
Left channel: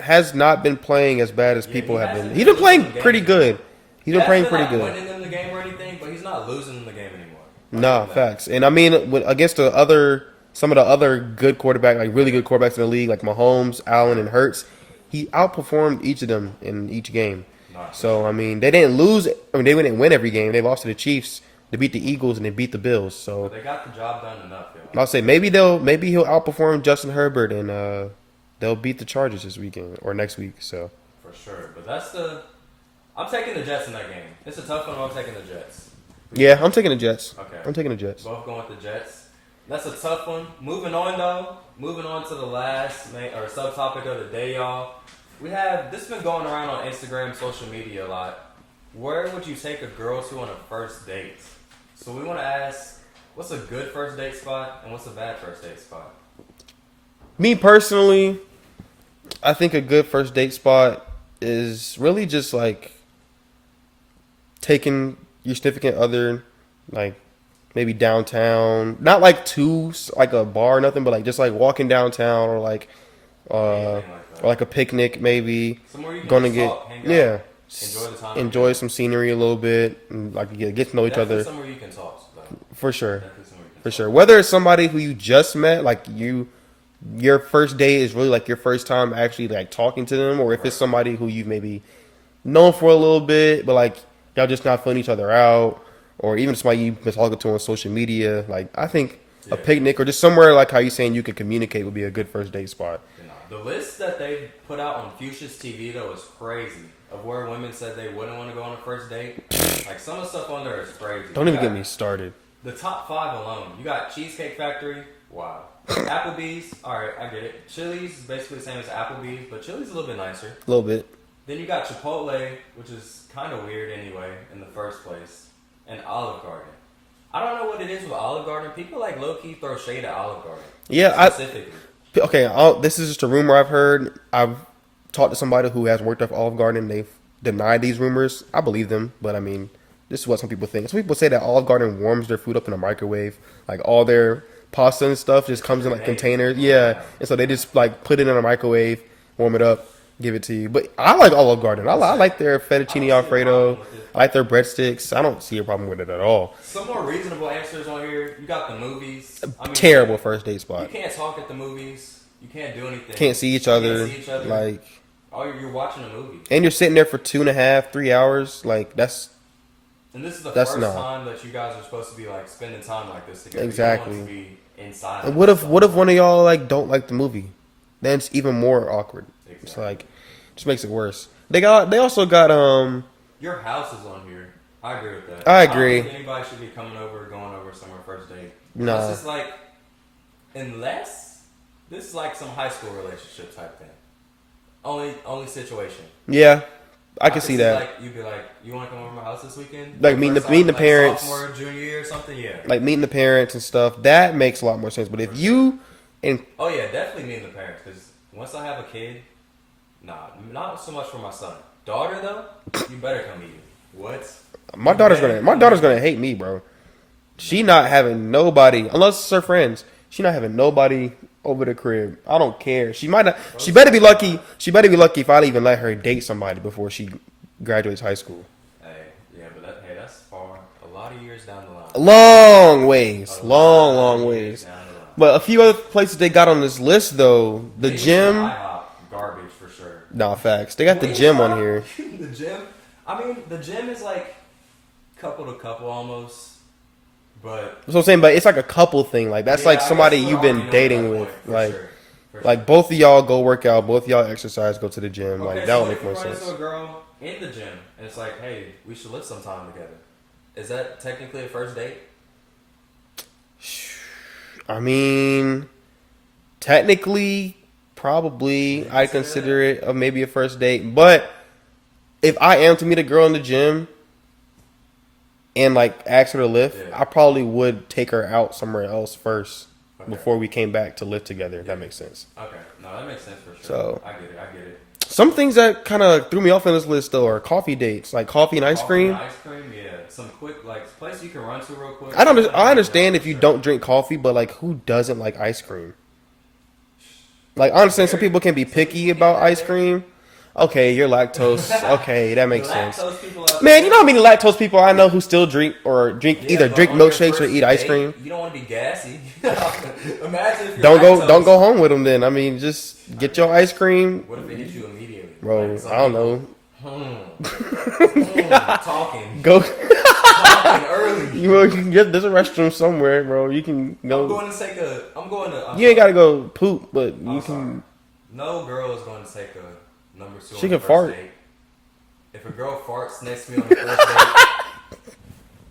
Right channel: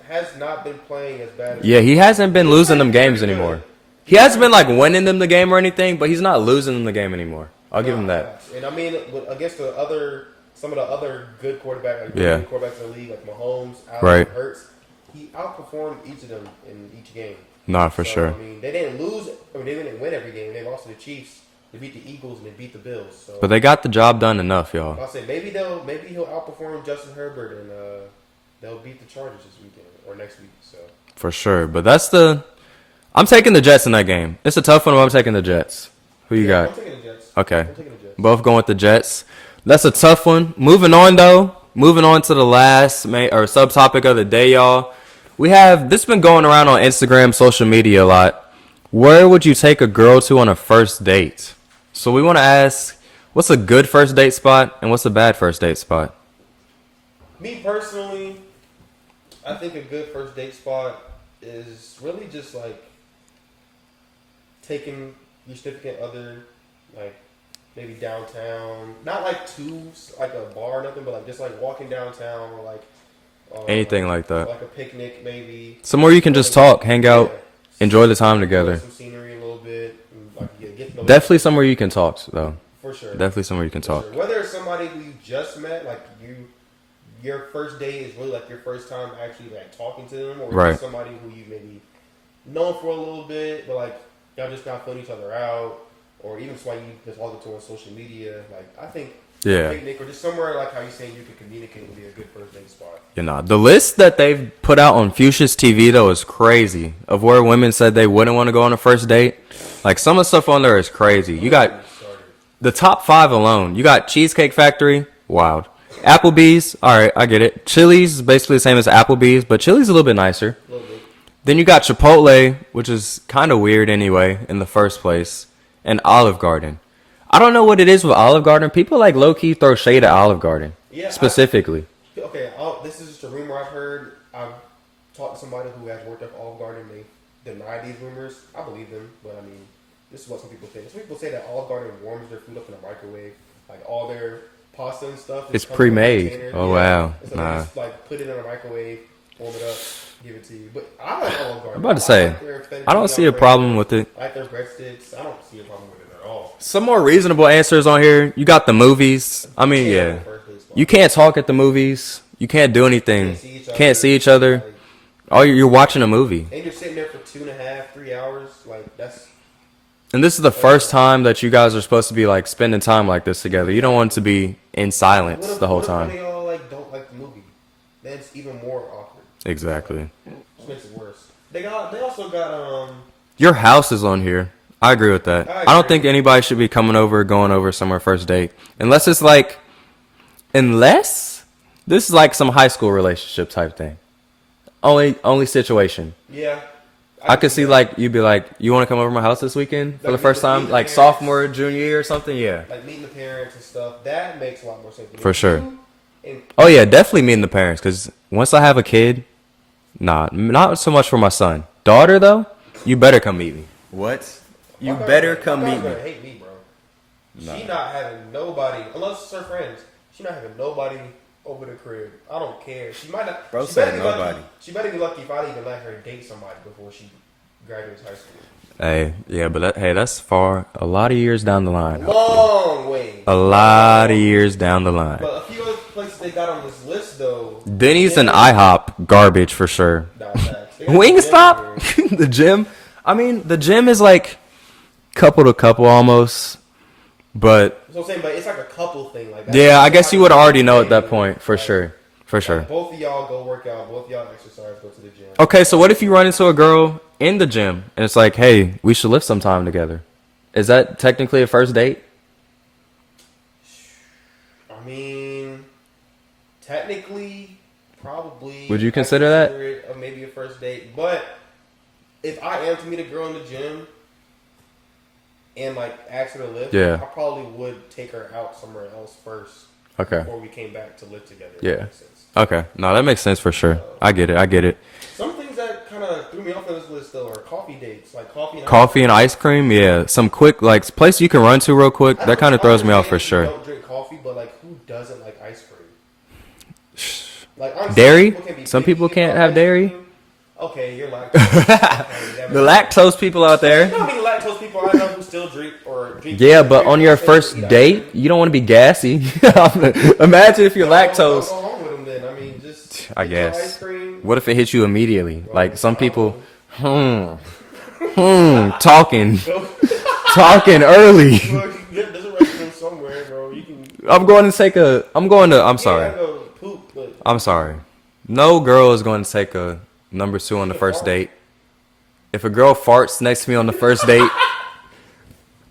has not been playing as bad as Yeah, he people hasn't have been losing playing them games pretty anymore. good. He hasn't playing been like pretty good. winning them the game or anything, but he's not losing them the game anymore. I'll give him that. Facts. And I mean, against some of the other good quarterbacks, like really Yeah. good quarterbacks in the league, like Mahomes, Allen, Right. Hurts, he outperformed each of them in each game. Nah, for so, sure. I mean, they didn't lose. I mean, they didn't win every game. They lost to the Chiefs. They beat the Eagles and they beat the Bills. So But they got the job done enough, y'all. I'll say maybe he'll outperform Justin Herbert and they'll beat the Chargers this weekend or next week. So For sure. But I'm taking the Jets in that game. It's a tough one, but I'm taking the Jets. Who you yeah, got? I'm taking the Jets. Okay. I'm taking the Jets. Both going with the Jets. That's a tough one. Moving on, though. Moving on to the last subtopic of the day, y'all. We have this been going around on Instagram, social media a lot. Where would you take a girl to on a first date? So we want to ask, what's a good first date spot and what's a bad first date spot? Me personally, I think a good first date spot is really just like taking your significant other, like maybe downtown, not like to like a bar or nothing, but like just like walking downtown or like Anything like that. or like a picnic maybe. Somewhere you can Going just to get- talk, hang out. Yeah. enjoy the time enjoy together. some scenery a little bit, and like get to know each Definitely other. somewhere you can talk, though. For sure. Definitely somewhere you can For talk. sure. Whether it's somebody who you just met, like your first date is really like your first time actually like talking to them, or if Right. it's somebody who you maybe known for a little bit, but like y'all just not feeling each other out, or even somebody you've been talking to on social media. Like I think a picnic or just somewhere like how you saying you could communicate would be a good first date spot. You know, the list that they've put out on Fuchsia's TV though is crazy. Of where women said they wouldn't want to go on a first date. Like some of the stuff on there is crazy. Don't You even got get me started. the top 5 alone. You got Cheesecake Factory, wild. Applebee's, all right, I get it. Chili's is basically the same as Applebee's, but Chili's a little bit nicer. A little bit. Then you got Chipotle, which is kind of weird anyway in the first place, and Olive Garden. I don't know what it is with Olive Garden. People like low key throw shade at Olive Garden. Yeah, specifically. This is just a rumor I've heard. I've talked to somebody who has worked at Olive Garden. They've denied these rumors. I believe them, but I mean, this is what some people think. Some people say that Olive Garden warms their food up in a microwave, like all their pasta and stuff just It's comes in like pre-made. containers. Oh, yeah, wow. and so they just like put it in a microwave, warm it up, give it to you. But I like Olive Garden. I like their fettuccine I don't see a Alfredo. problem with it. I like their breadsticks. I don't see a problem with it at all. Some more reasonable answers on here. You got the movies. I mean, Terrible first date spot. You can't talk at the movies. You can't do anything. Can't see each other. Can't see each other. Like, Oh, you're watching a movie. and you're sitting there for 2.5, 3 hours. Like that's And this is the That's first not- time that you guys are supposed to be like spending time like this together. You don't want it to be in silence. What if the whole what if time. one of y'all like don't like the movie? Then it's even more awkward. Exactly. It's like, just makes it worse. They also got Your house is on here. I agree with that. I don't agree. think anybody should be going over somewhere first date. Unless it's like unless this is like some high school relationship type thing. Only situation. yeah. I could see that. like you'd be like, you want to come over to my house this weekend for Like the meeting first the- time, meeting the like parents. sophomore, junior year or something. Yeah. like meeting the parents and stuff. That makes a lot more sense. But if For sure. you and Oh yeah, definitely meeting the parents. Because once I have a kid, not so much for my son. Daughter though, you better come meet me. What? my daughter's gonna hate me, bro. She not having nobody unless it's her friends. She not having nobody over the crib. I don't care. She might not. Bro, she better be lucky. nobody. She better be lucky if I even let her date somebody before she graduates high school. Hey, yeah, but that's far. A lot of years down the line. Long ways. A lot Long of years ways. down the line. But a few other places they got on this list though. the Denny's and gym- IHOP, garbage for sure. Nah, facts. They got the gym on here. Wingstop, the gym. I mean, the gym is like couple to couple almost, but That's what I'm saying, but it's like a couple thing. Like that's yeah, like I guess somebody you would you've already been know at that dating point with. for Like- sure, for sure. Like both of y'all go work out, both of y'all exercise, go to the gym. Okay, Like, so that what was if you the run first into a girl in the gym and it's like, hey, we should lift some time together? Is that technically a first date? one. I mean, technically, probably. Would you I'd consider that? it maybe a first date? But if I am to meet a girl in the gym and like ask her to lift, Yeah. I probably would take her out somewhere else first. Okay. Before we came back to live together. If Yeah. that makes sense. Okay, no, that makes sense for sure. So- I get it. Some things that kind of threw me off on this list though are coffee dates, like coffee and ice Coffee cream. and ice cream, yeah. Some quick like place you can run to real quick. I That don't. kind of I throws me off understand for if sure. you don't drink coffee, but like, who doesn't like ice cream? Like honestly, Dairy? some people can be Some picky people can't about have ice dairy? cream. Okay, you're lactose. Okay, that The makes sense. lactose people out Man, there. you know how many lactose people I know who still drink Yeah, either but drink on your milkshakes or first eat ice date, cream? you don't want to be gassy. Imagine if you're lactose. Don't go home with them then. I mean, just I get your guess. ice cream. What if it hits you immediately? Bro, like some I don't people, know. talking Go. early. Bro, you can get there's a restroom somewhere, bro. You can. I'm going to. I'm You ain't sorry. gotta go poop, but I'm sorry. No girl is going to take a number 2 on She the can first fart. date. If a girl farts next to me on the first date,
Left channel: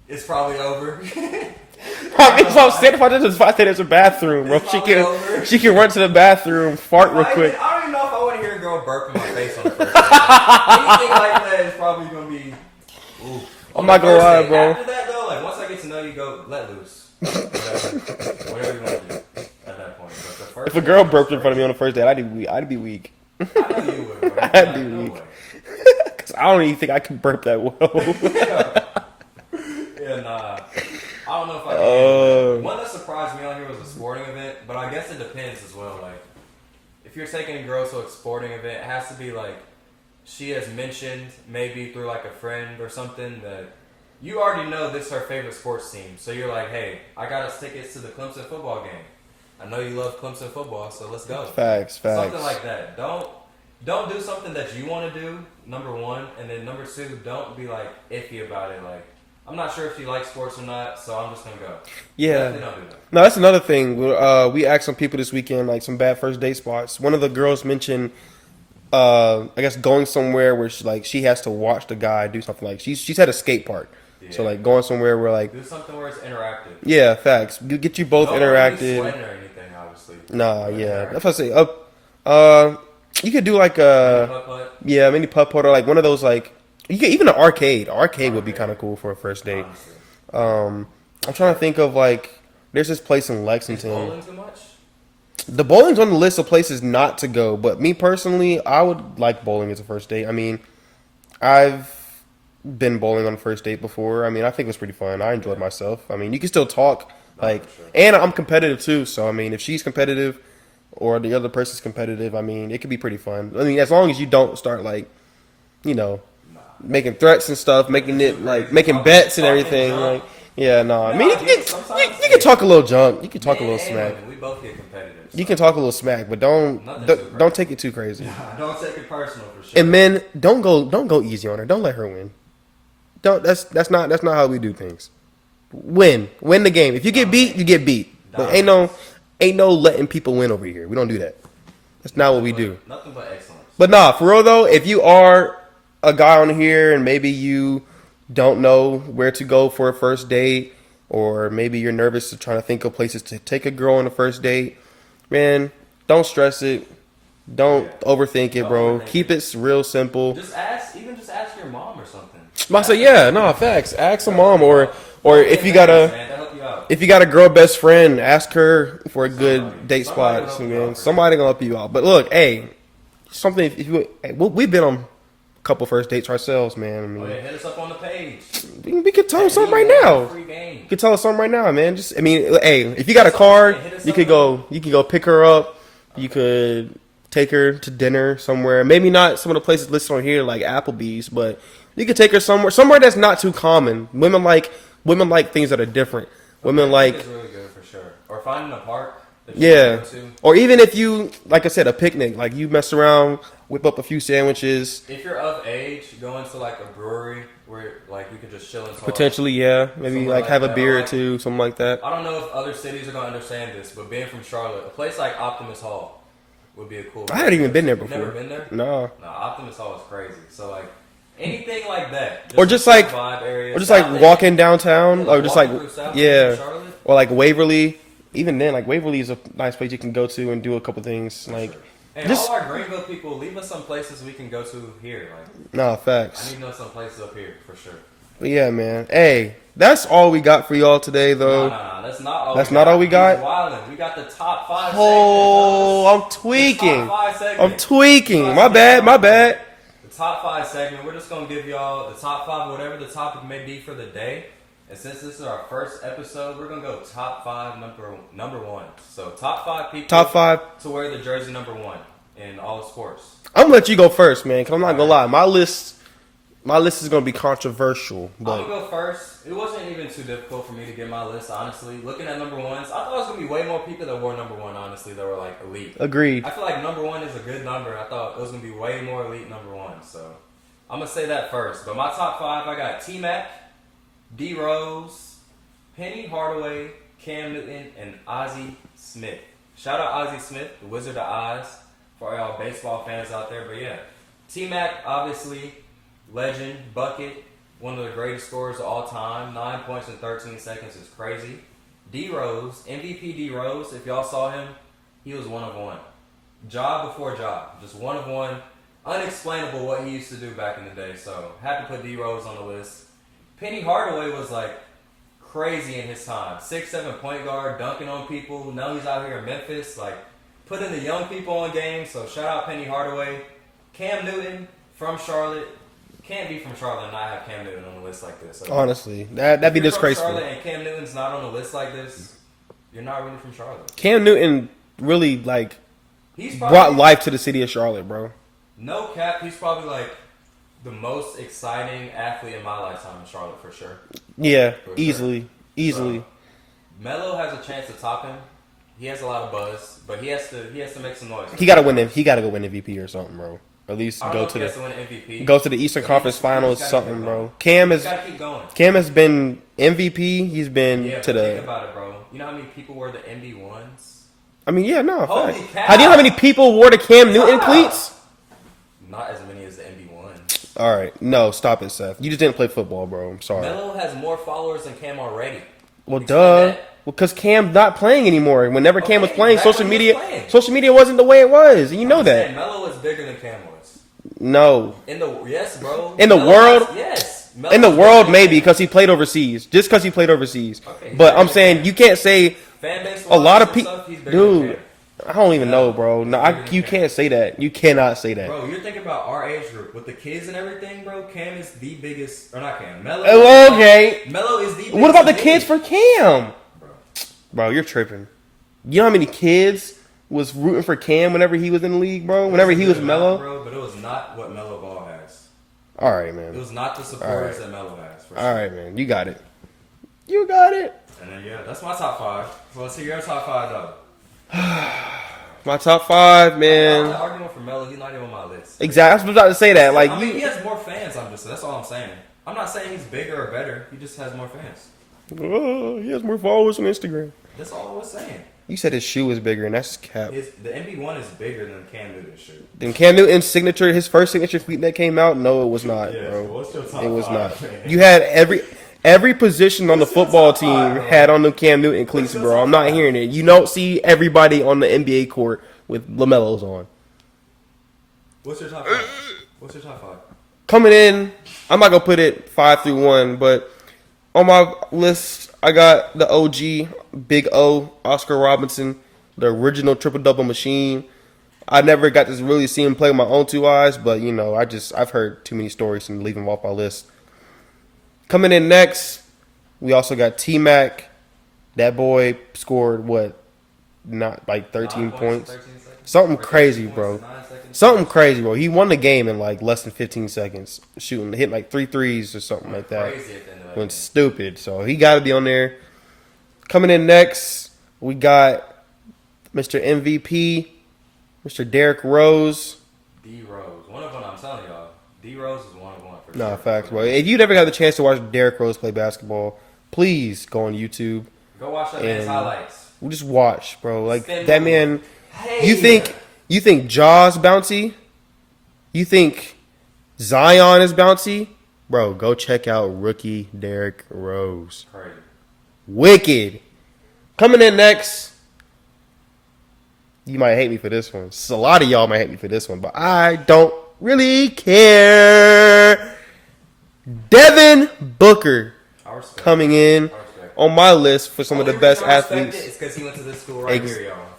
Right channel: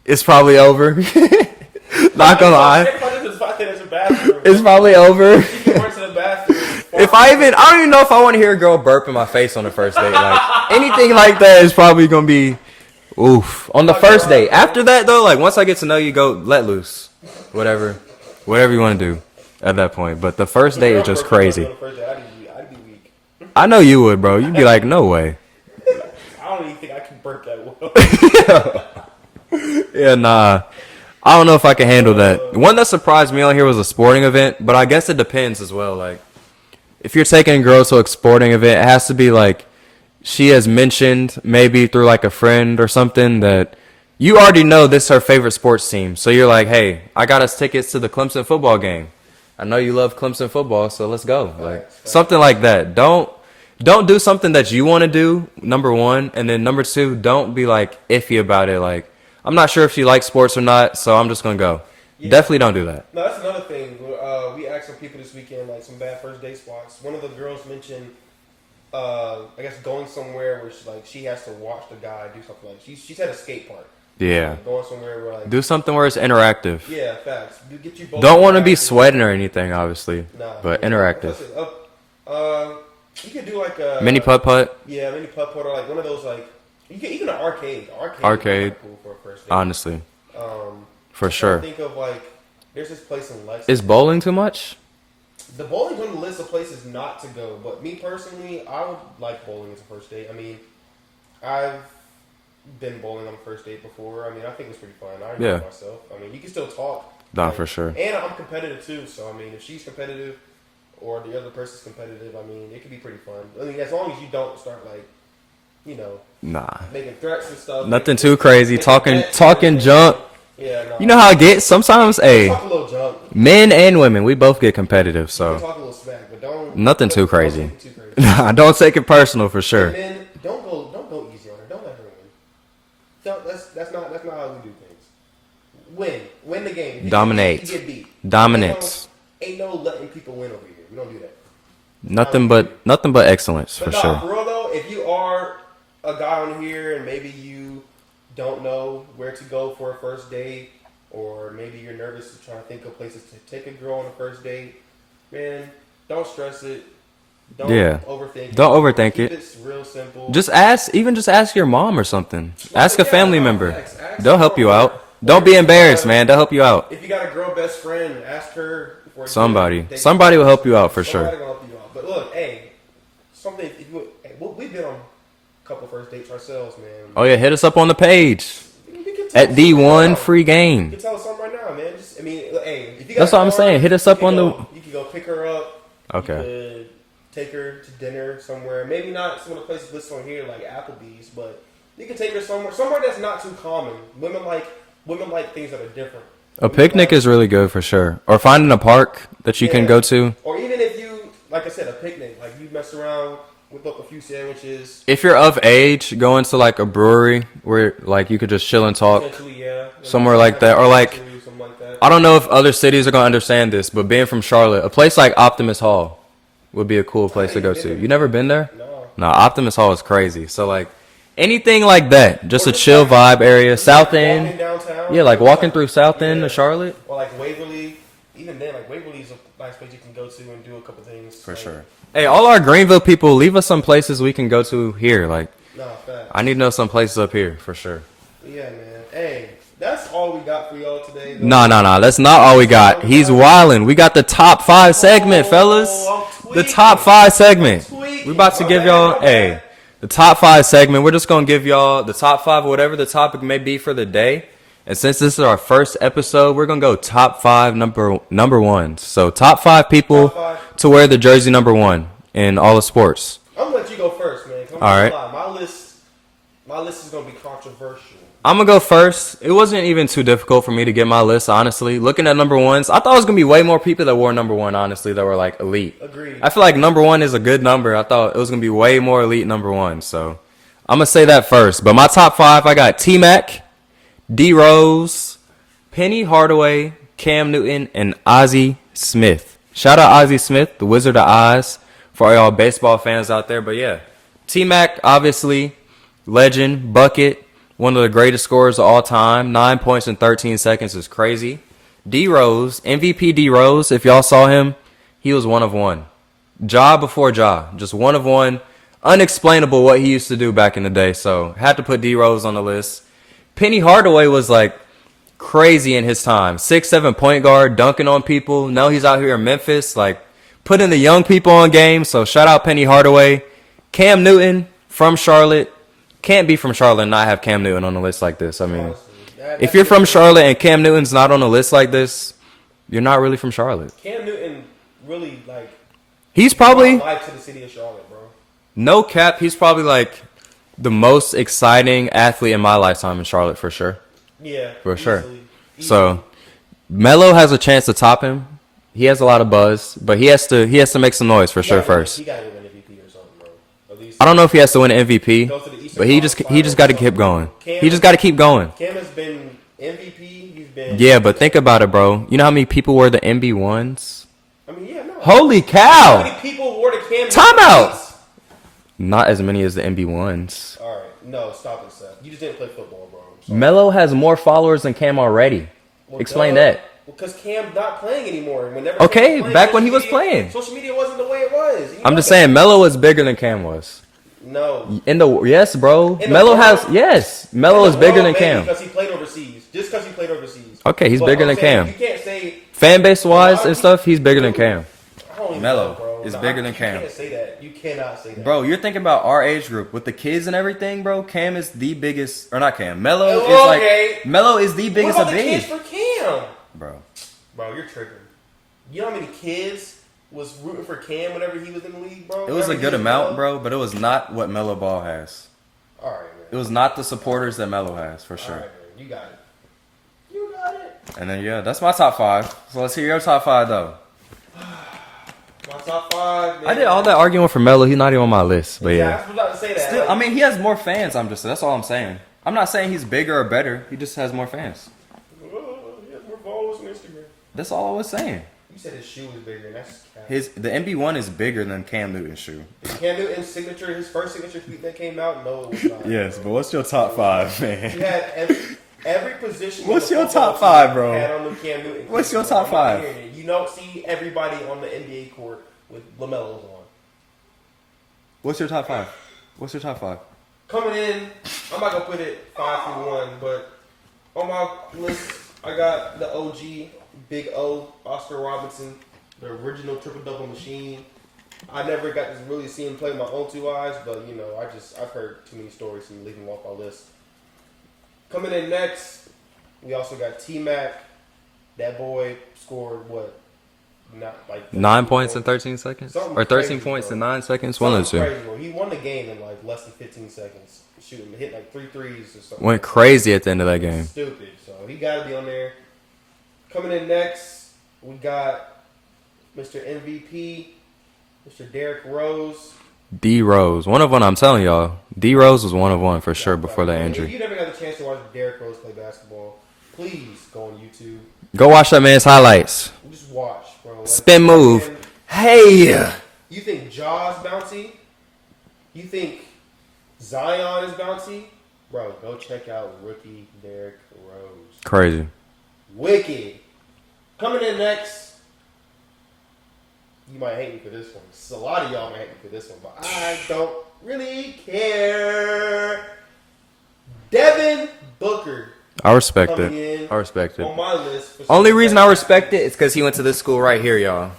it's probably over. Not gonna lie. If I say there's a bathroom, It's probably over. She can run to the bathroom. Fart If I real quick. don't even know if I want to hear a girl burp in my face on the first date. Like, anything like that is probably gonna be oof on the not gonna first lie, date. bro. After that though, like once I get to know you, go let loose, whatever you want to do at that point. But the first If a date girl is just burped in front of me crazy. on the first date, I'd be weak. I know you would, bro. You'd be like, no way. I don't even think I can burp that well. Yeah, nah. I don't know if I can handle that. One that surprised me on here was a sporting event, but I guess it depends as well. Like, if you're taking girls to a sporting event, it has to be like she has mentioned maybe through like a friend or something that you already know this is her favorite sports team. So you're like, hey, I got us tickets to the Clemson football game. I know you love Clemson football, so let's go. Facts. Something like that. Don't do something that you want to do, number one. And then number two, don't be like iffy about it. Like, I'm not sure if she likes sports or not, so I'm just going to go. Yeah. Definitely don't do that. No, that's another thing. We asked some people this weekend, like some bad first date spots. One of the girls mentioned, I guess, going somewhere where she has to watch the guy do something. Like she's at a skate park. Yeah. So like going somewhere where like do something where it's interactive. Yeah, facts. Get you both. Don't want to be sweating or anything, obviously. Nah, but yeah. interactive. That's what I say. You could do like a mini putt. Yeah, mini putt or like one of those like you could even an arcade. Arcade would be kind of cool for a first date. Honestly. For sure. I'm trying to think of like there's this place in Lexington. Is bowling too much? The bowling's on the list of places not to go, but me personally, I would like bowling as a first date. I mean, I've been bowling on a first date before. I mean, I think it was pretty fun. I enjoyed myself. I mean, you can still talk. For sure. And I'm competitive too, so I mean, if she's competitive or the other person's competitive, I mean, it could be pretty fun. I mean, as long as you don't start like, making threats and stuff. Nothing too crazy. Talking junk. Yeah, no. You know how it gets? Sometimes, you can talk a little junk. Men and women, we both get competitive. So. You can talk a little smack, but nothing too crazy. Don't take it too crazy. Don't take it personal for sure. And men, don't go easy on her. Don't let her win. That's not how we do things. Win the game. If you get beat, you get beat. Dominate. Ain't no letting people win over here. We don't do that. That's nothing but excellence. But for real though, if you are a guy on here and maybe you don't know where to go for a first date, or maybe you're nervous to trying to think of places to take a girl on a first date, man, don't stress it. Don't overthink it. Don't overthink it. Keep it real simple. Just ask your mom or something. Ask a family member. Ask They'll help you out. Don't be embarrassed, man. They'll help you out. If you got a girl best friend, ask her for a good date. Somebody will help you out for sure. Somebody gonna help you out. But look, we've been on a couple first dates ourselves, man. Oh yeah, hit us up on the page. We can tell at something D1 right now. Free Game. You can tell us something right now, man. If you got a car, hit us up on you can go pick her up. Okay. You could take her to dinner somewhere. Maybe not some of the places listed on here like Applebee's, but you could take her somewhere that's not too common. Women like things that are different. A picnic is really good for sure. Or finding a park that you can go to. Or even if you, like I said, a picnic. Like you mess around, whip up a few sandwiches. If you're of age, go into like a brewery where like you could just chill and talk. Potentially, yeah. Maybe somewhere like that. Or like something like that. I don't know if other cities are going to understand this, but being from Charlotte, a place like Optimus Hall would be a cool place to go to. You never been there? No. No, Optimus Hall is crazy. So like anything like that, just a just chill vibe area. South End, walking downtown. Yeah, like walking through South End of Charlotte. Or like Waverly. Even then, like Waverly is a nice place you can go to and do a couple things. For sure. Hey, all our Greenville people, leave us some places we can go to here. Like, facts. I need to know some places up here for sure. But yeah, man. Hey, that's all we got for y'all today, though. No. That's not all we got. He's wildin'. We got the top 5 segment, fellas. I'm tweaking. The top 5 segment. I'm tweaking. My bad. Hey, the top 5 segment. We're just gonna give y'all the top 5, whatever the topic may be for the day. And since this is our first episode, we're gonna go top 5 number one. So top 5 people to wear the jersey number 1 in all the sports. I'm gonna let you go first, man. Cause I'm not gonna lie. My list is gonna be controversial. I'm gonna go first. It wasn't even too difficult for me to get my list, honestly. Looking at number 1s, I thought it was gonna be way more people that wore number 1, honestly, that were like elite. Agreed. I feel like number 1 is a good number. I thought it was gonna be way more elite number 1. So I'm gonna say that first. But my top 5, I got T-Mac, D Rose, Penny Hardaway, Cam Newton, and Ozzie Smith. Shout out Ozzie Smith, the Wizard of Oz, for all y'all baseball fans out there. But yeah, T-Mac, obviously, legend, bucket, one of the greatest scorers of all time. 9 points in 13 seconds is crazy. D Rose, MVP D Rose, if y'all saw him, he was one of one. Ja before Ja, just one of one. Unexplainable what he used to do back in the day. So had to put D Rose on the list. Penny Hardaway was like crazy in his time. 6'7" point guard, dunking on people. Now he's out here in Memphis, like putting the young people on game. So shout out Penny Hardaway. Cam Newton from Charlotte. Can't be from Charlotte and not have Cam Newton on a list like this. I mean, honestly, if you're from Charlotte and Cam Newton's not on a list like this, you're not really from Charlotte. Cam Newton really like he's probably brought life to the city of Charlotte, bro. No cap, he's probably like the most exciting athlete in my lifetime in Charlotte for sure. Yeah, For sure. Easily. So Melo has a chance to top him. He has a lot of buzz, but he has to make some noise for sure first. He gotta go win MVP or something, bro. At least I don't know if he has to win an MVP. Go to the Eastern but Conference he just got to keep going. He just got to keep going. Cam has been MVP. He's been but think about it, bro. You know how many people were the MB1s? I mean, yeah, no. Holy cow! I know how many people wore the Cam Newton tweets. Not as many as the MB1s. All right, no, stop it, Seth. You just didn't play football, bro. I'm sorry. Melo has more followers than Cam already. Well, explain that. Well, because Cam's not playing anymore. Whenever Cam was playing, back when he was playing, social media wasn't the way it was. I'm just saying, Melo was bigger than Cam was. No, yes, bro. In the world, yes. Melo in the was bigger world, than maybe Cam. because he played overseas. Just because he played overseas. Okay, he's but bigger I'm than saying Cam. You can't say fan base wise and stuff. He's bigger than Cam. I don't even know, bro. No, you Cam. can't say that. You cannot say that, bro. You're thinking about our age group with the kids and everything, bro. Cam is the biggest, or not Cam. Melo. Okay. Melo is the biggest. What about the kids for Cam, bro? Bro, you're tripping. You know how many kids was rooting for Cam whenever he was in the league, bro? Whenever he was Melo, bro. But it was not what Melo Ball has. All right, man. It was not the supporters that Melo has, for sure. All right, man. You got it. You got it. And then that's my top 5. So let's hear your top 5 though. My top 5, man. I get all that arguing for Melo. He's not even on my list. Exactly. I was about to say that. Still, like, he has more fans. That's all I'm saying. I'm not saying he's bigger or better. He just has more fans. He has more followers on Instagram. That's all I was saying. You said his shoe is bigger, and that's cap. The MB1 is bigger than Cam Newton's shoe. Then Cam Newton's signature, his first signature tweet that came out, no, it was not. Yes, bro. but what's your top 5, man? You had every position on the football team had on the Cam Newton cleats, bro. I'm not hearing it. You don't see everybody on the NBA court with LaMelos on. What's your top 5? What's your top 5? Coming in, I'm not gonna put it 5 through 1, but on my list, I got the OG, Big O, Oscar Robinson, the original triple-double machine. I never got to really see him play with my own 2 eyes, but, you know, I've heard too many stories and leave him off my list. Coming in next, we also got T-Mac. That boy scored, not like 13 9 points in 13 seconds? Something or crazy, 13 points bro. in 9 seconds? Something crazy, bro. He won the game in like less than 15 seconds, hitting like 3 threes or something. Went like crazy at the end of that Went game. Stupid. So he got to be on there. Coming in next, we got Mr. MVP, Mr. Derrick Rose. D Rose, one of one. I'm telling y'all, D Rose was one of one for sure before that injury. If you never got the chance to watch Derrick Rose play basketball, please go on YouTube. Go watch that man's highlights. Just watch, bro. Like, spin move. You think Jaws bouncy? You think Zion is bouncy? Bro, go check out rookie Derrick Rose. Crazy. Wicked. Coming in next. You might hate me for this one. A lot of y'all might hate me for this one, but I don't really care. Devin Booker. I respect coming it. in. I respect it. On my list for some Only of the reason best I respect athletes. it is because he went to this school right here, y'all.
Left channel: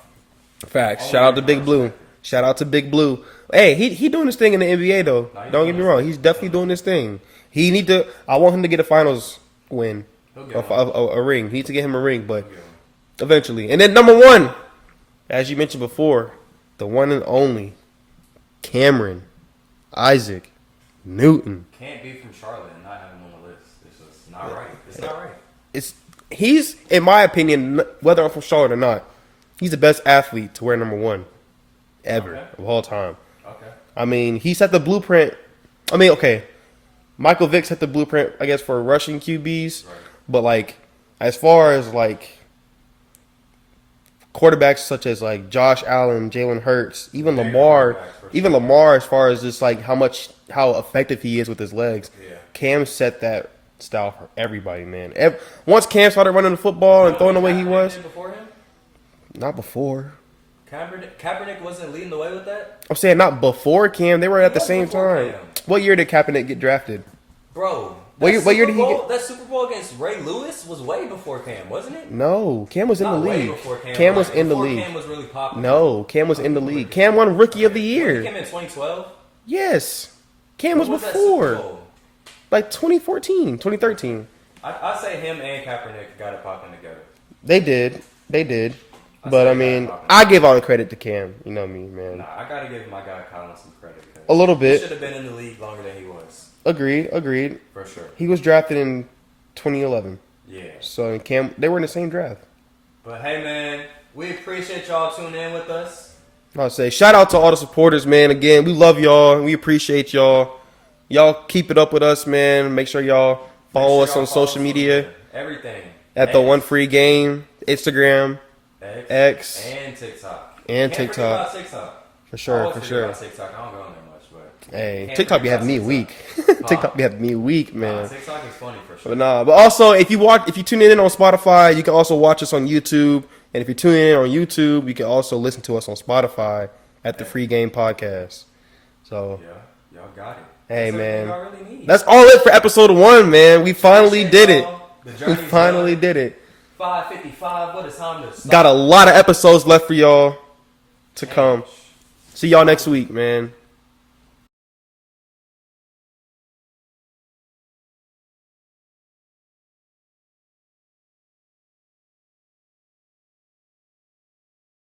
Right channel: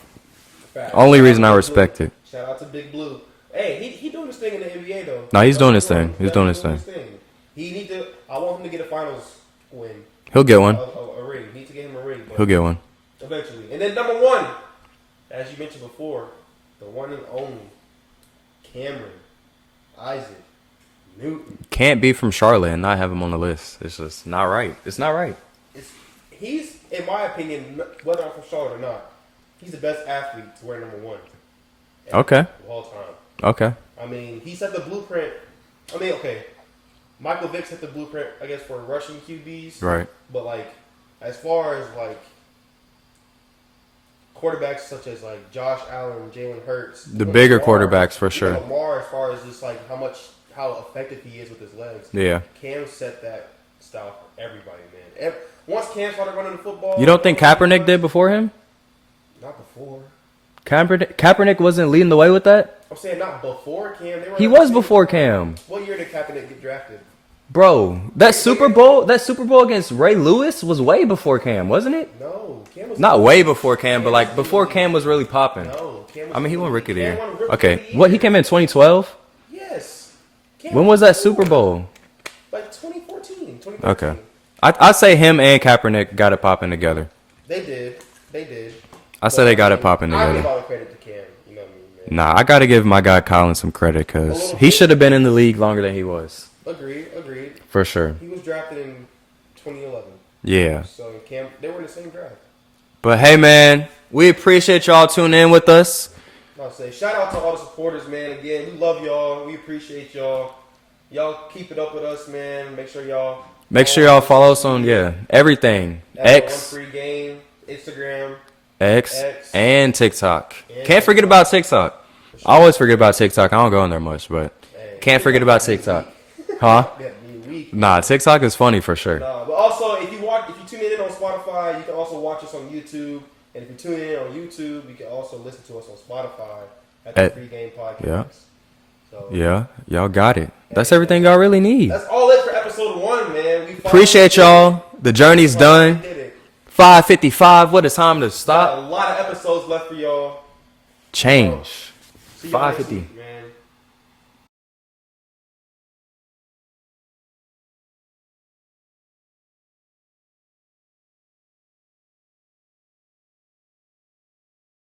Facts. Only Shout out reason to I Big respect Blue. it. Shout out to Big Blue. Hey, he doing his thing in the NBA though. No, he's doing his thing. He's definitely doing his thing. I want him to get a finals win. He'll get one. A ring. He needs to get him a ring, but He'll get one. eventually. And then number 1, as you mentioned before, the one and only Cameron Isaac Newton. Can't be from Charlotte and not have him on the list. It's just not right. It's not right. He's, in my opinion, whether I'm from Charlotte or not, he's the best athlete to wear number 1 ever of all time. Okay. I mean, he set the blueprint. I mean, okay, Michael Vick set the blueprint, I guess, for rushing QBs. Right. But, like, as far as, like, quarterbacks such as, like, Josh Allen, Jalen Hurts. The bigger quarterbacks, for sure. Even Lamar, as far as just, like, how effective he is with his legs. Yeah. Cam set that style for everybody, man. Once Cam started running the football. You don't think Kaepernick did before him? Not before. Kaepernick wasn't leading the way with that? I'm saying not before Cam. They were He at the was same before time. Cam. What year did Kaepernick get drafted? Bro, that Super Bowl against Ray Lewis was way before Cam, wasn't it? No, Cam was not in the way league. before Cam, Cam but like was in the before league. Cam was really popping. No, Cam was in the league. Cam won Rookie of the Year. What, he came in 2012? Yes. Cam when was that before. Super Bowl? Like 2014, 2013. Okay. I say him and Kaepernick got it popping together. They did. I said they got it popping. I give all the credit to Cam. You know me, man. Nah, I got to give my guy Colin some credit because he should have been in the league longer than he was. Agreed. For sure. He was drafted in 2011. Yeah. So Cam, they were in the same draft. But hey, man, we appreciate y'all tuning in with us. I'll say shout out to all the supporters, man. Again, we love y'all. We appreciate y'all. Y'all keep it up with us, man. Make sure y'all follow us on everything. That's the One Free Game, Instagram, X, and TikTok. And Can't forget about TikTok. Sure, I always forget about TikTok. I don't go on there much, but can't forget about TikTok. TikTok be having me weak. Man. Nah, TikTok is funny for sure. But also if you tune in on Spotify, you can also watch us on YouTube. And if you're tuning in on YouTube, you can also listen to us on Spotify at the Free Game Podcast. Yeah. So yeah, y'all got it. That's everything y'all really need. That's all it for episode 1, man. We finally appreciate y'all. The journey's done. We did it. 5:55. What a time to stop. Got a lot of episodes left for y'all. Change. See y'all next week, man.